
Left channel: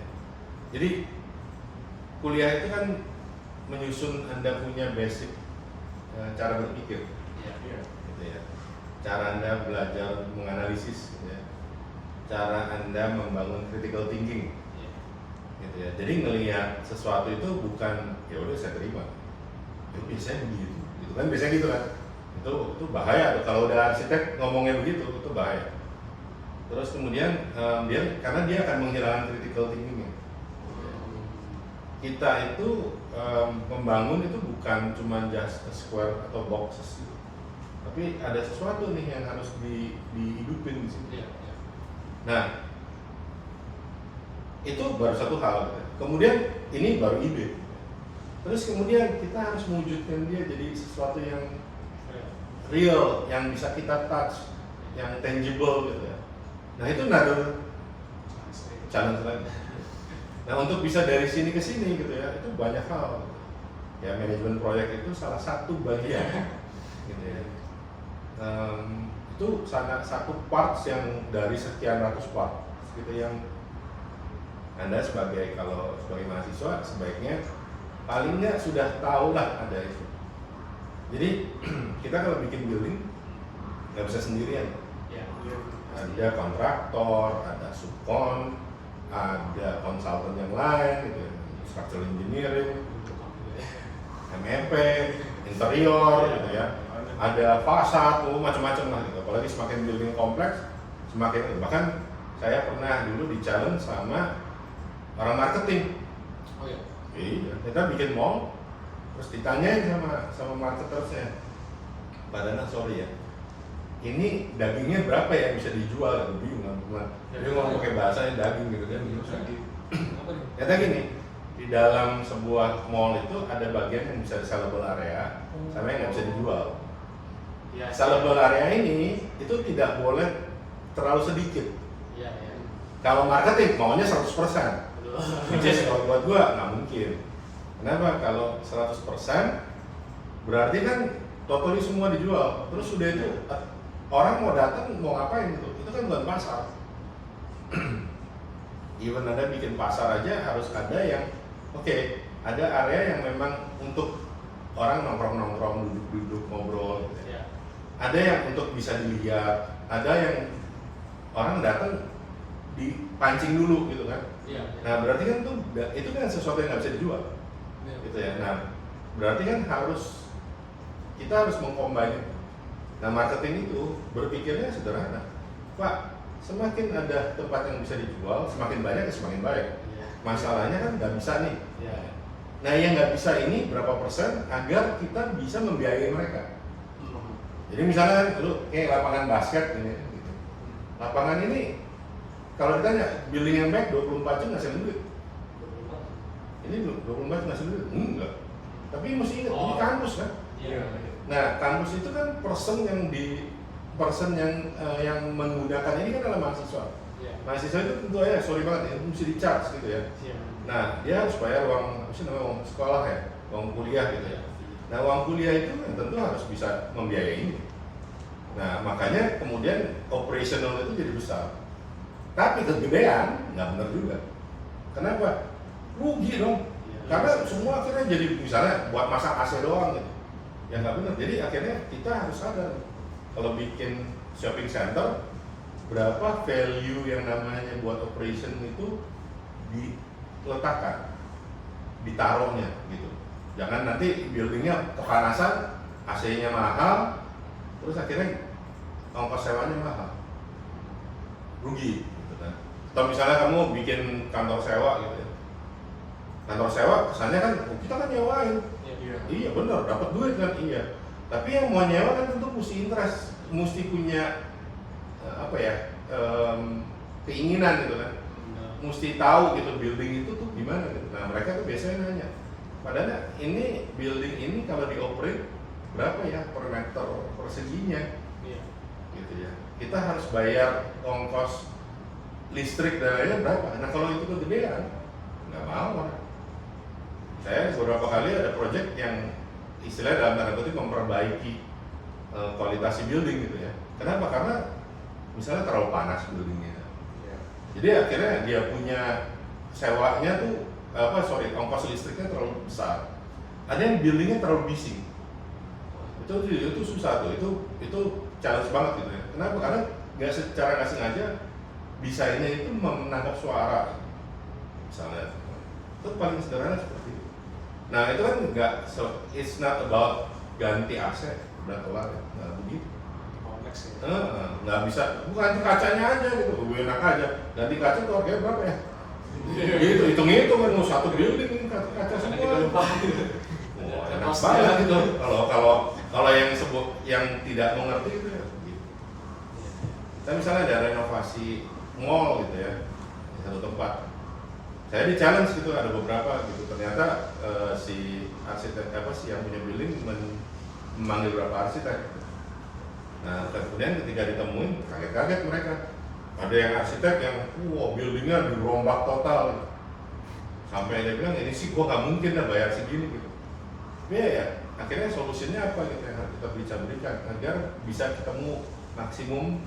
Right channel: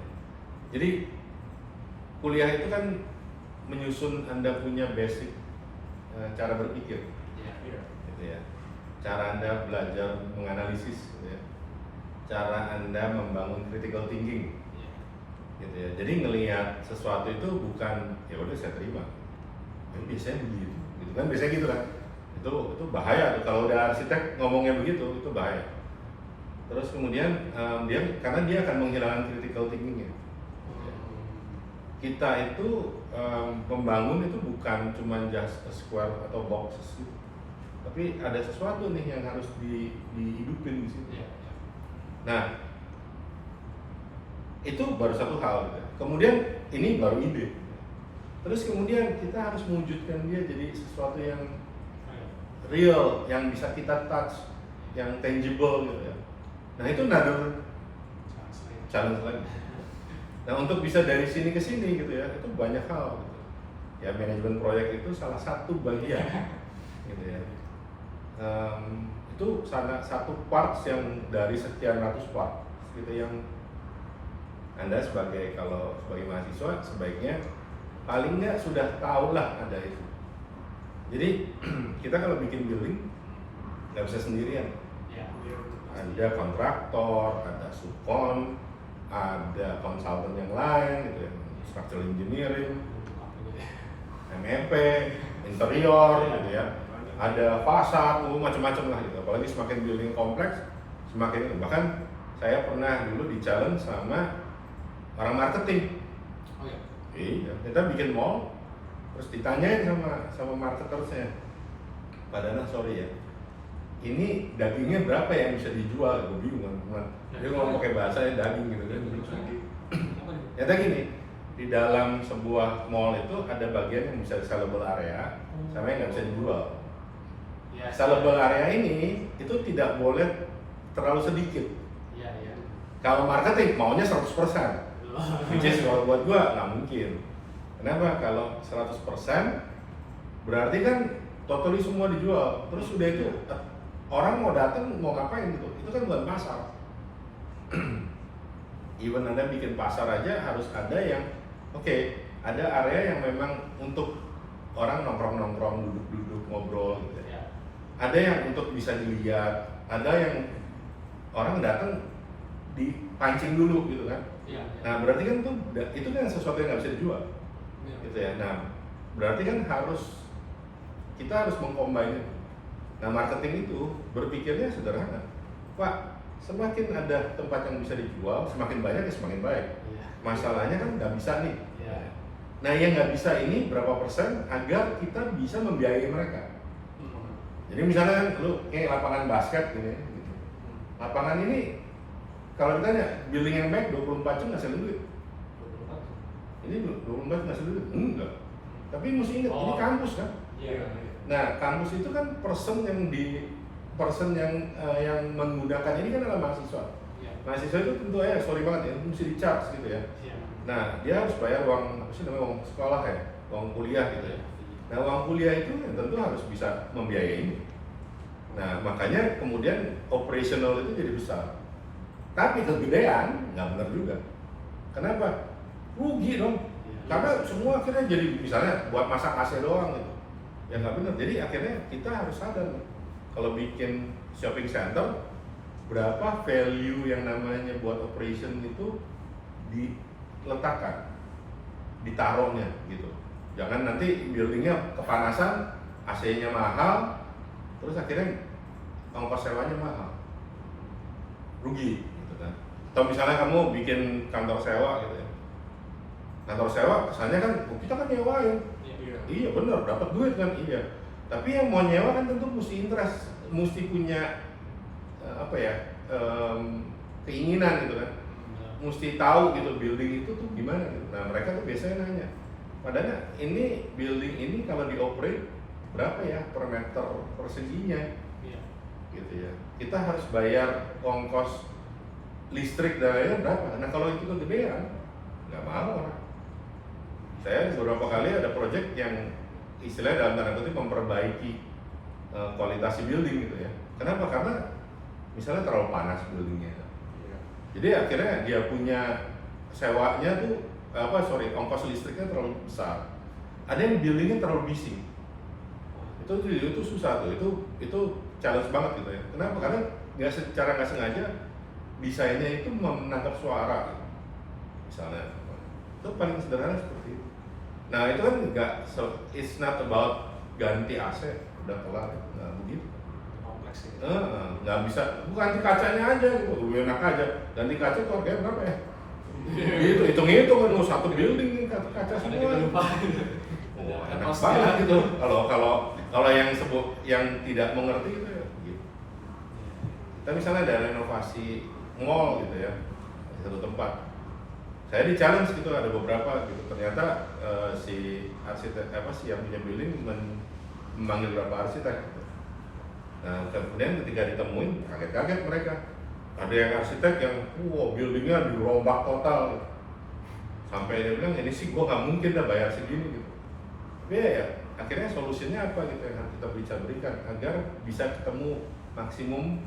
Jadi kuliah itu kan menyusun Anda punya basic cara berpikir, gitu ya. Cara Anda belajar menganalisis, gitu ya. Cara Anda membangun critical thinking, gitu ya. Jadi ngelihat sesuatu itu bukan ya udah saya terima, ya biasanya begitu, gitu kan biasanya gitu kan. Itu bahaya tuh kalau udah arsitek ngomongnya begitu, itu bahaya. Terus kemudian karena dia akan menghilangkan critical thinkingnya. Kita itu membangun itu bukan cuma just a square atau boxes gitu. Tapi ada sesuatu nih yang harus dihidupin di sini. Nah, itu baru satu hal. Kemudian ini baru ide. Terus kemudian kita harus mewujudkan dia jadi sesuatu yang real, yang bisa kita touch, yang tangible gitu ya. Nah itu another challenge lagi. Nah untuk bisa dari sini ke sini gitu ya, itu banyak hal. Gitu. Ya manajemen proyek itu salah satu bagian, gitu ya. Itu sangat satu parts yang dari sekian ratus part, gitu yang Anda sebagai mahasiswa sebaiknya paling nggak sudah tahu lah ada itu. Jadi kita kalau bikin building nggak bisa sendirian. Ada kontraktor, ada subkon, ada konsultan yang lain, gitu, structural engineering, MEP, interior, gitu ya. Ada fasad, macam-macam lah gitu. Apalagi semakin building kompleks, semakin bahkan saya pernah dulu di challenge sama orang marketing. Oh iya. Iya, kita bikin mall. Terus ditanyain sama marketersnya, Pak Dana sorry ya, ini dagingnya berapa yang bisa dijual? Gue bingung kan, dia ngomong pakai bahasanya daging gitu kan. Ternyata gini, di dalam sebuah mall itu ada bagian yang bisa sellable area sama yang nggak bisa dijual. Iya. Sellable area ini itu tidak boleh terlalu sedikit. Iya, iya. Kalau marketing maunya 100%. Which is kalau buat gua nggak mungkin. Kenapa? Kalau 100% berarti kan totally semua dijual. Terus udah itu orang mau datang mau ngapain gitu? Itu kan bukan pasar. Even Anda bikin pasar aja harus ada yang ada area yang memang untuk orang nongkrong-nongkrong, duduk-duduk, ngobrol gitu ya. Ada yang untuk bisa dilihat, ada yang orang datang dipancing dulu gitu kan. Iya. Nah berarti kan itu kan sesuatu yang nggak bisa dijual, Iya. gitu ya. Nah berarti kan kita harus mengcombine itu. Nah marketing itu berpikirnya sederhana, Pak. Semakin ada tempat yang bisa dijual, semakin banyak ya semakin baik. Iya. Masalahnya kan nggak bisa nih. Iya. Nah yang nggak bisa ini berapa persen agar kita bisa membiayai mereka. Jadi misalnya kan lu kayak lapangan basket ini, gitu. Lapangan ini kalau ditanya building yang baik 24 jam ngasih duit. Ini 24 jam ngasih duit? Enggak. Tapi mesti ingat ini kampus kan. Iya. Nah kampus itu kan person yang menggunakan ini kan adalah mahasiswa. Iya. Mahasiswa itu tentu aja sorry banget ya, mesti di-charge gitu ya. Iya. Nah dia harus bayar uang uang sekolah ya, uang kuliah gitu ya. Nah uang kuliah itu tentu harus bisa membiayai ini. Nah makanya kemudian operational itu jadi besar. Tapi kegedean nggak benar juga. Kenapa? Rugi dong. Karena semua akhirnya jadi misalnya buat masak AC doang gitu. Ya nggak benar. Jadi akhirnya kita harus sadar kalau bikin shopping center berapa value yang namanya buat operation itu diletakkan, ditaruhnya gitu. Jangan nanti buildingnya kepanasan, AC-nya mahal, terus akhirnya ongkos sewanya mahal, rugi gitu kan. Atau misalnya kamu bikin kantor sewa gitu ya, kantor sewa kesannya kan kita kan nyewain. Iya benar, dapat duit kan, iya. Tapi yang mau nyewa kan tentu mesti interest, mesti punya keinginan gitu kan, mesti tahu gitu building itu tuh gimana gitu. Nah mereka tuh biasanya nanya, padahal ini building ini kalau dioperate berapa ya per meter perseginya, gitu ya. Kita harus bayar ongkos listrik dan lainnya berapa. Nah kalau itu kegedean, nggak mau orang. Saya beberapa kali ada project yang istilahnya dalam tanda kutip memperbaiki kualitas building gitu ya. Kenapa? Karena misalnya terlalu panas buildingnya. Jadi akhirnya dia punya sewanya tuh ongkos listriknya terlalu besar. Ada yang buildingnya terlalu bising. Itu susah tuh. Itu challenge banget gitu ya. Kenapa? Karena secara nggak sengaja desainnya itu menangkap suara. Misalnya itu paling sederhana seperti itu. Nah itu kan it's not about ganti AC udah kelar ya, nggak begitu. Kompleks ya. Nggak bisa, ganti kacanya aja gitu, enak aja. Ganti kaca tuh harganya berapa ya? Gitu, hitung-hitung kan mau satu building ini kaca semua. Kita lupa. Wah, enak banget gitu. Kalau yang tidak mengerti itu ya begitu. Kita misalnya ada renovasi mall gitu ya, di satu tempat. Saya di challenge gitu, ada beberapa gitu. Ternyata si arsitek yang punya building memanggil beberapa arsitek gitu. Nah kemudian ketika ditemuin kaget-kaget mereka. Ada yang arsitek yang buildingnya dirombak total gitu. Sampai dia bilang ini sih gua nggak mungkin dah bayar segini gitu. Tapi ya akhirnya solusinya apa gitu yang harus kita bisa berikan agar bisa ketemu maksimum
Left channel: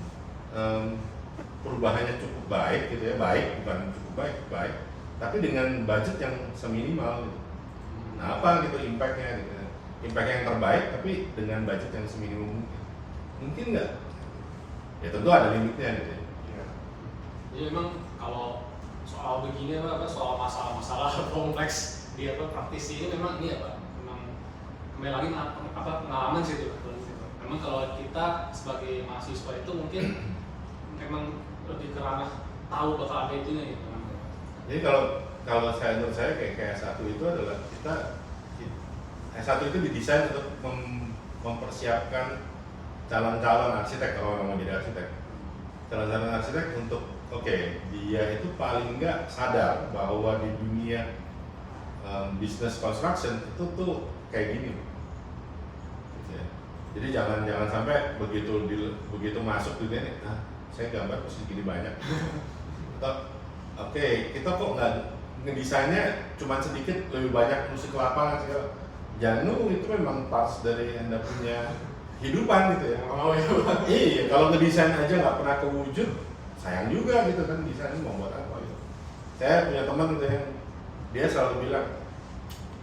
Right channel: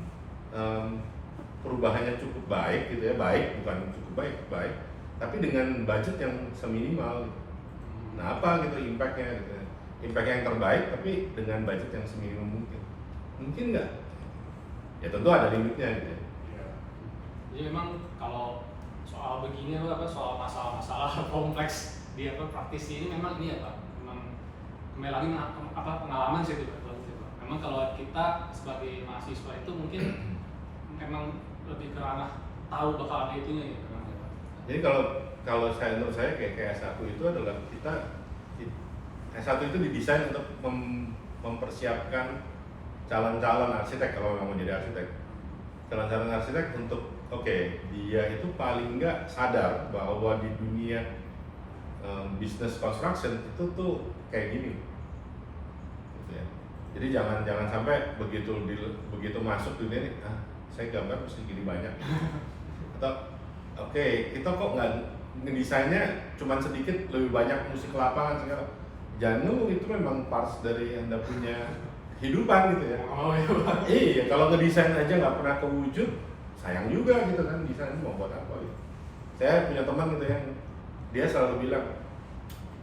perubahannya cukup baik gitu ya, baik bukan cukup baik, tapi dengan budget yang seminimal gitu. Nah apa gitu impactnya gitu ya, impact yang terbaik tapi dengan budget yang seminimum mungkin nggak? Ya tentu ada limitnya gitu ya. Jadi memang kalau soal begini soal masalah-masalah kompleks di praktisi ini memang ini memang kembali lagi pengalaman sih itu. Memang kalau kita sebagai mahasiswa itu mungkin memang lebih ke ranah tahu bakal ada itunya gitu kan. Jadi kalau menurut saya kayak S1 itu adalah S1 itu didesain untuk mempersiapkan calon-calon arsitek kalau mau jadi arsitek. Calon-calon arsitek untuk dia itu paling nggak sadar bahwa di dunia business construction itu tuh kayak gini gitu ya. Jadi jangan sampai begitu masuk dunia ini, saya gambar mesti gini banyak atau oke, kita kok nggak ngedesainnya cuma sedikit, lebih banyak musik lapangan segala. Jangan, itu memang parts dari Anda punya hidupan gitu ya. Oh iya. Iya, kalau ngedesain aja nggak pernah kewujud, sayang juga gitu kan, desain mau buat apa gitu. Saya punya teman gitu yang dia selalu bilang,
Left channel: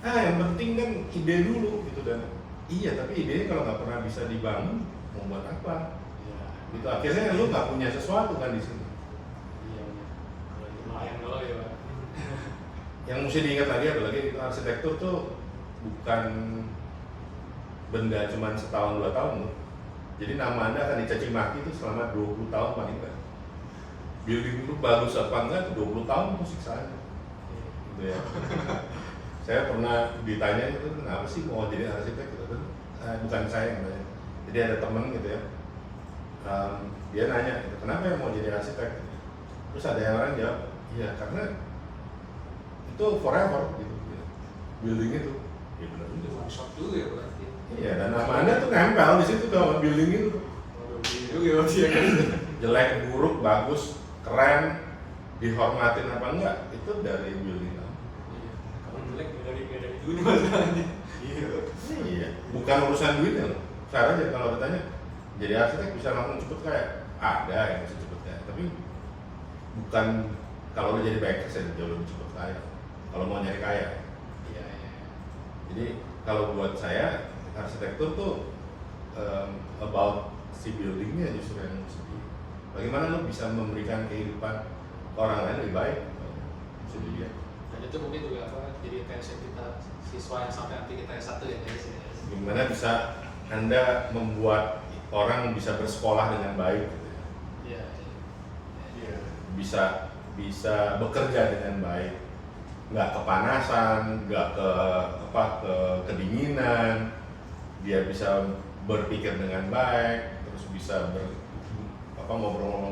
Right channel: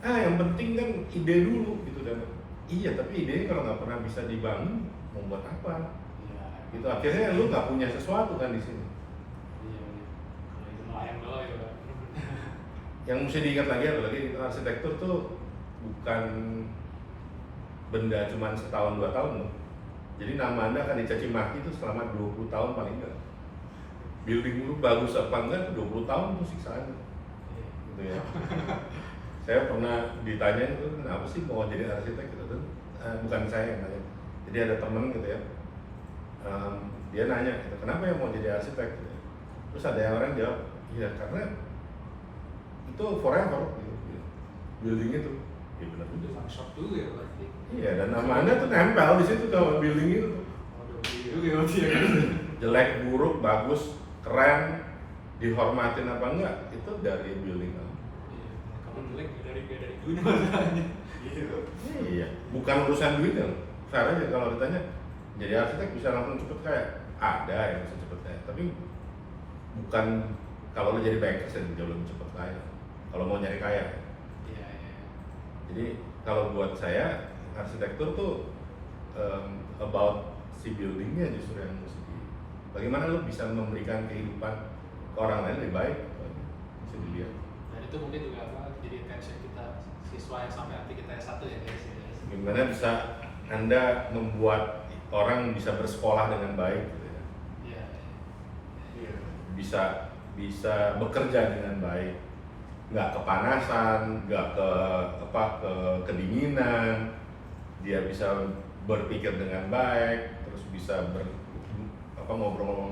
yang penting kan ide dulu gitu, dan iya, tapi idenya kalau nggak pernah bisa dibangun mau buat apa? Iya. Gitu akhirnya lu nggak punya sesuatu kan di sini. Iya. Kalau itu lumayan dulu ya. Yang mesti diingat lagi apalagi arsitektur tuh bukan benda cuma setahun 2 tahun loh. Jadi nama Anda akan dicaci maki itu selama 20 tahun paling enggak. Building itu bagus apa enggak 20 tahun itu siksaan. Gitu ya. Saya pernah ditanya itu, kenapa sih mau jadi arsitek gitu. Bukan saya yang nanya. Jadi ada temen gitu ya. Dia nanya, kenapa ya mau jadi arsitek? Terus ada yang orang jawab, iya karena itu forever gitu. Building itu. Ya benar Itu juga. one shot juga ya berarti. Iya, dan nama Anda tuh nempel di situ tuh building itu tuh. Juga berarti ya. Jelek, buruk, bagus, keren, dihormatin apa enggak, itu dari building kamu. Iya. Kamu jelek dari dunia masalahnya. Iya, bukan urusan duitnya loh. Saya aja kalau ditanya, jadi arsitek bisa langsung cepet kaya? Ada yang bisa cepet kaya, tapi bukan kalau lu jadi banker saya jauh lebih cepet kaya. Kalau mau nyari kaya. Iya. Jadi kalau buat saya arsitektur tuh about si buildingnya justru yang mesti bagaimana lo bisa memberikan kehidupan ke orang lain lebih baik, mesti dilihat. Dan itu mungkin juga jadi attention kita siswa yang sampai nanti kita S1 ya guys ya. Gimana bisa Anda membuat orang bisa bersekolah dengan baik gitu ya. Iya. Iya. Bisa bekerja dengan baik, nggak kepanasan, nggak kedinginan, dia bisa berpikir dengan baik, terus bisa ngobrol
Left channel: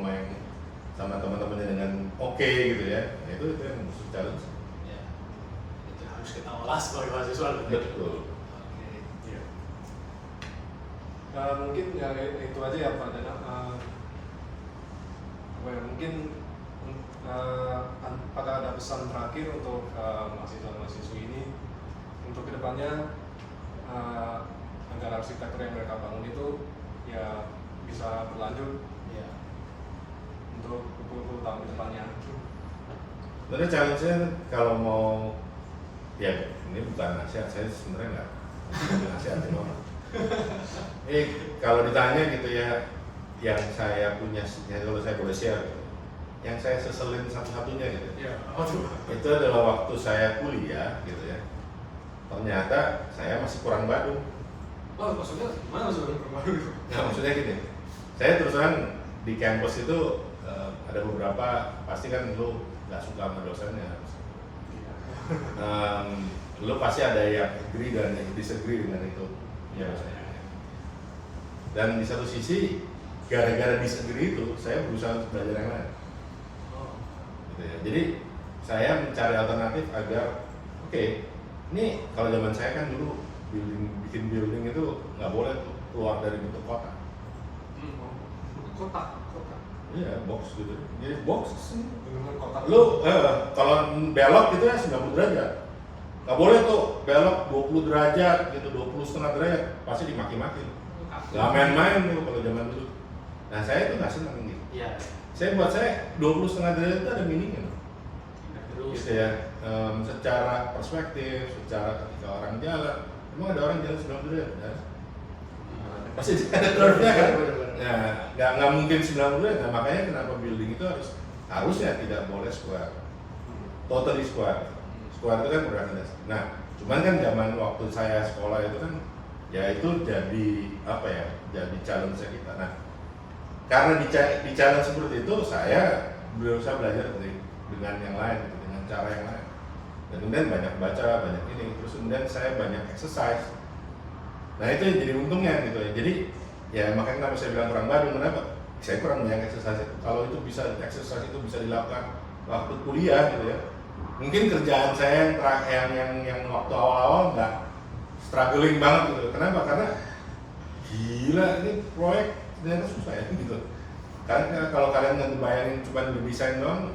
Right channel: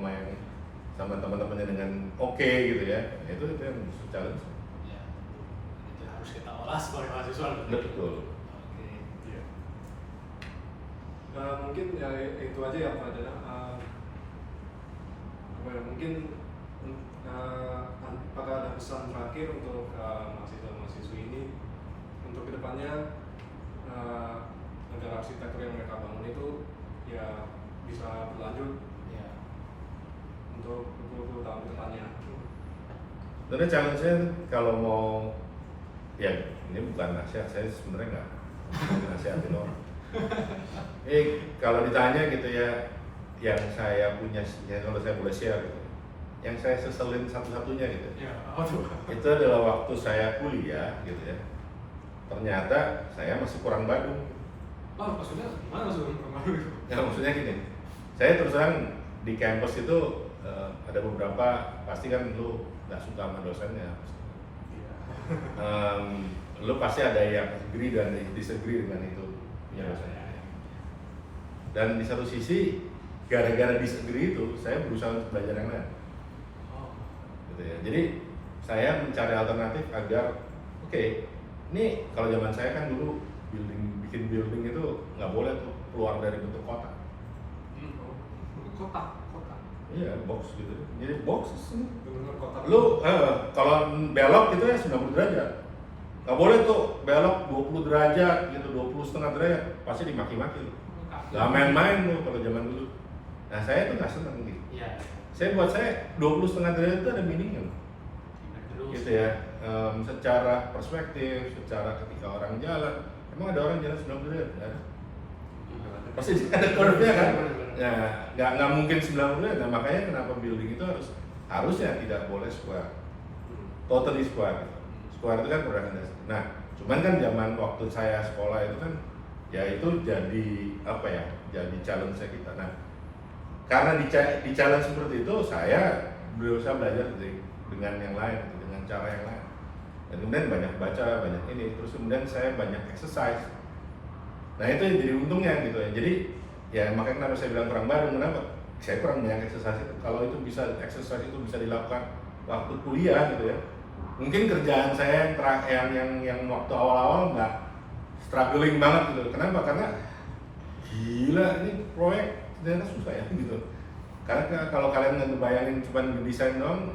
sama teman-temannya dengan oke gitu ya. Nah, itu yang musuh challenge. Ya. Itu harus kita olah sebagai mahasiswa. Betul. Oke. Iya. Mungkin ya itu aja ya Pak Dana. Mungkin apakah ada pesan terakhir untuk mahasiswa-mahasiswi ini untuk kedepannya agar arsitektur yang mereka bangun itu ya bisa berlanjut Iya. untuk 20 tahun ke depannya. Sebenarnya challenge-nya kalau mau, ya ini bukan nasihat, saya sebenarnya nggak nasihatin orang. Kalau ditanya gitu ya, yang saya punya, ya kalau saya boleh share gitu, yang saya seselin satu-satunya gitu, Iya. itu adalah waktu saya kuliah gitu ya, ternyata saya masih kurang Badung. Oh, maksudnya gimana maksudnya baru itu? Ya maksudnya gini, saya terus terang di kampus itu ada beberapa, pasti kan lu nggak suka sama dosennya, lu pasti ada yang agree dan yang disagree dengan itu punya dosennya. Dan di satu sisi gara-gara disagree itu saya berusaha untuk belajar yang lain. Oh. Gitu ya. Jadi saya mencari alternatif agar oke, ini kalau zaman saya kan dulu bikin building itu nggak boleh tuh keluar dari bentuk kotak. Kotak. Iya, box gitu. Jadi box Benar kotak. lu kalau belok itu ya 90 derajat. Nggak boleh tuh belok 20 derajat gitu, 20,5 derajat, pasti dimaki-maki. Nggak main-main tuh kalau zaman dulu. Nah saya tuh nggak senang gitu. Iya. Buat saya 20,5 derajat itu ada meaning-nya loh. Terus. Gitu ya. Secara perspektif, secara ketika orang jalan, emang ada orang jalan 90 derajat? Ya? Pasti ada curve-nya kan? Ya, nggak mungkin 90 derajat. Nah, makanya kenapa building itu harusnya tidak boleh square, totally square. Square itu kan berangkat. Nah, cuman kan zaman waktu saya sekolah itu kan, ya itu jadi apa ya? Jadi challenge kita. Nah, karena di challenge seperti itu, saya berusaha belajar dengan yang lain, dengan cara yang lain. Dan kemudian banyak baca, banyak ini. Terus kemudian saya banyak exercise. Nah itu yang jadi untungnya gitu ya. Jadi ya makanya kenapa saya bilang kurang Badung, kenapa? Saya kurang banyak exercise itu. Kalau itu bisa exercise itu bisa dilakukan waktu kuliah gitu ya, Mungkin kerjaan saya yang waktu awal-awal nggak struggling banget gitu. Kenapa? Karena gila ini proyek ternyata susah ya gitu. Karena kalau kalian nggak ngebayangin cuma ngedesain doang,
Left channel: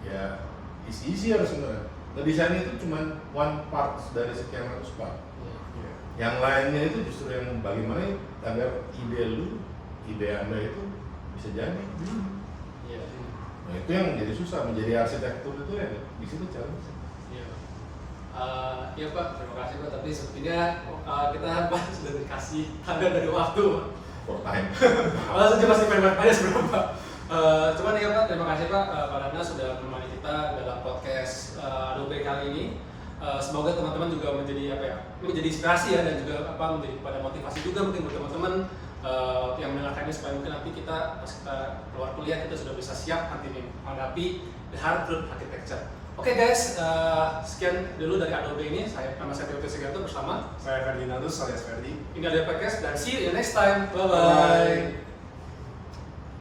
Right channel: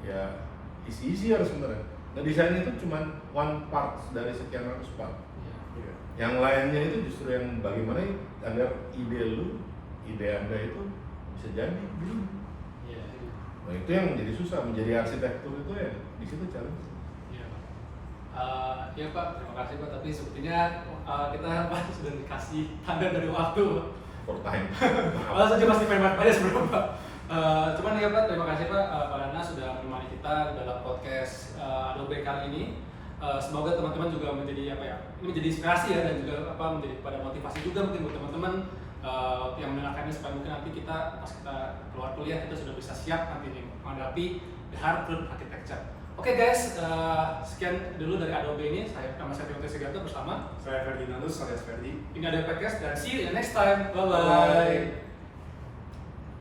ya isi harus sebenarnya. Ngedesain itu cuma one part dari sekian ratus part. Iya. Yang lainnya itu justru yang bagaimana agar ide anda itu bisa jadi. Iya. Nah itu yang menjadi susah, menjadi arsitektur itu ya di situ challenge. Iya. Ya Pak, terima kasih Pak. Tapi sepertinya kita Pak sudah dikasih tanda dari waktu. For time. Langsung aja masih pengen aja sebenarnya Pak. Cuman ya Pak, terima kasih Pak Nana sudah menemani kita dalam podcast Adobe kali ini. Semoga teman-teman juga menjadi apa ya, menjadi inspirasi ya dan juga apa menjadi pada motivasi juga mungkin buat teman-teman yang mendengarkan ini supaya mungkin nanti kita pas kita keluar kuliah kita sudah bisa siap nanti nih menghadapi the hard truth architecture. Oke guys, sekian dulu dari Adobe ini. Nama saya Tio Seganto bersama Saya Ferdinandus alias Ferdi. ini ada podcast dan see you in the next time. Bye bye.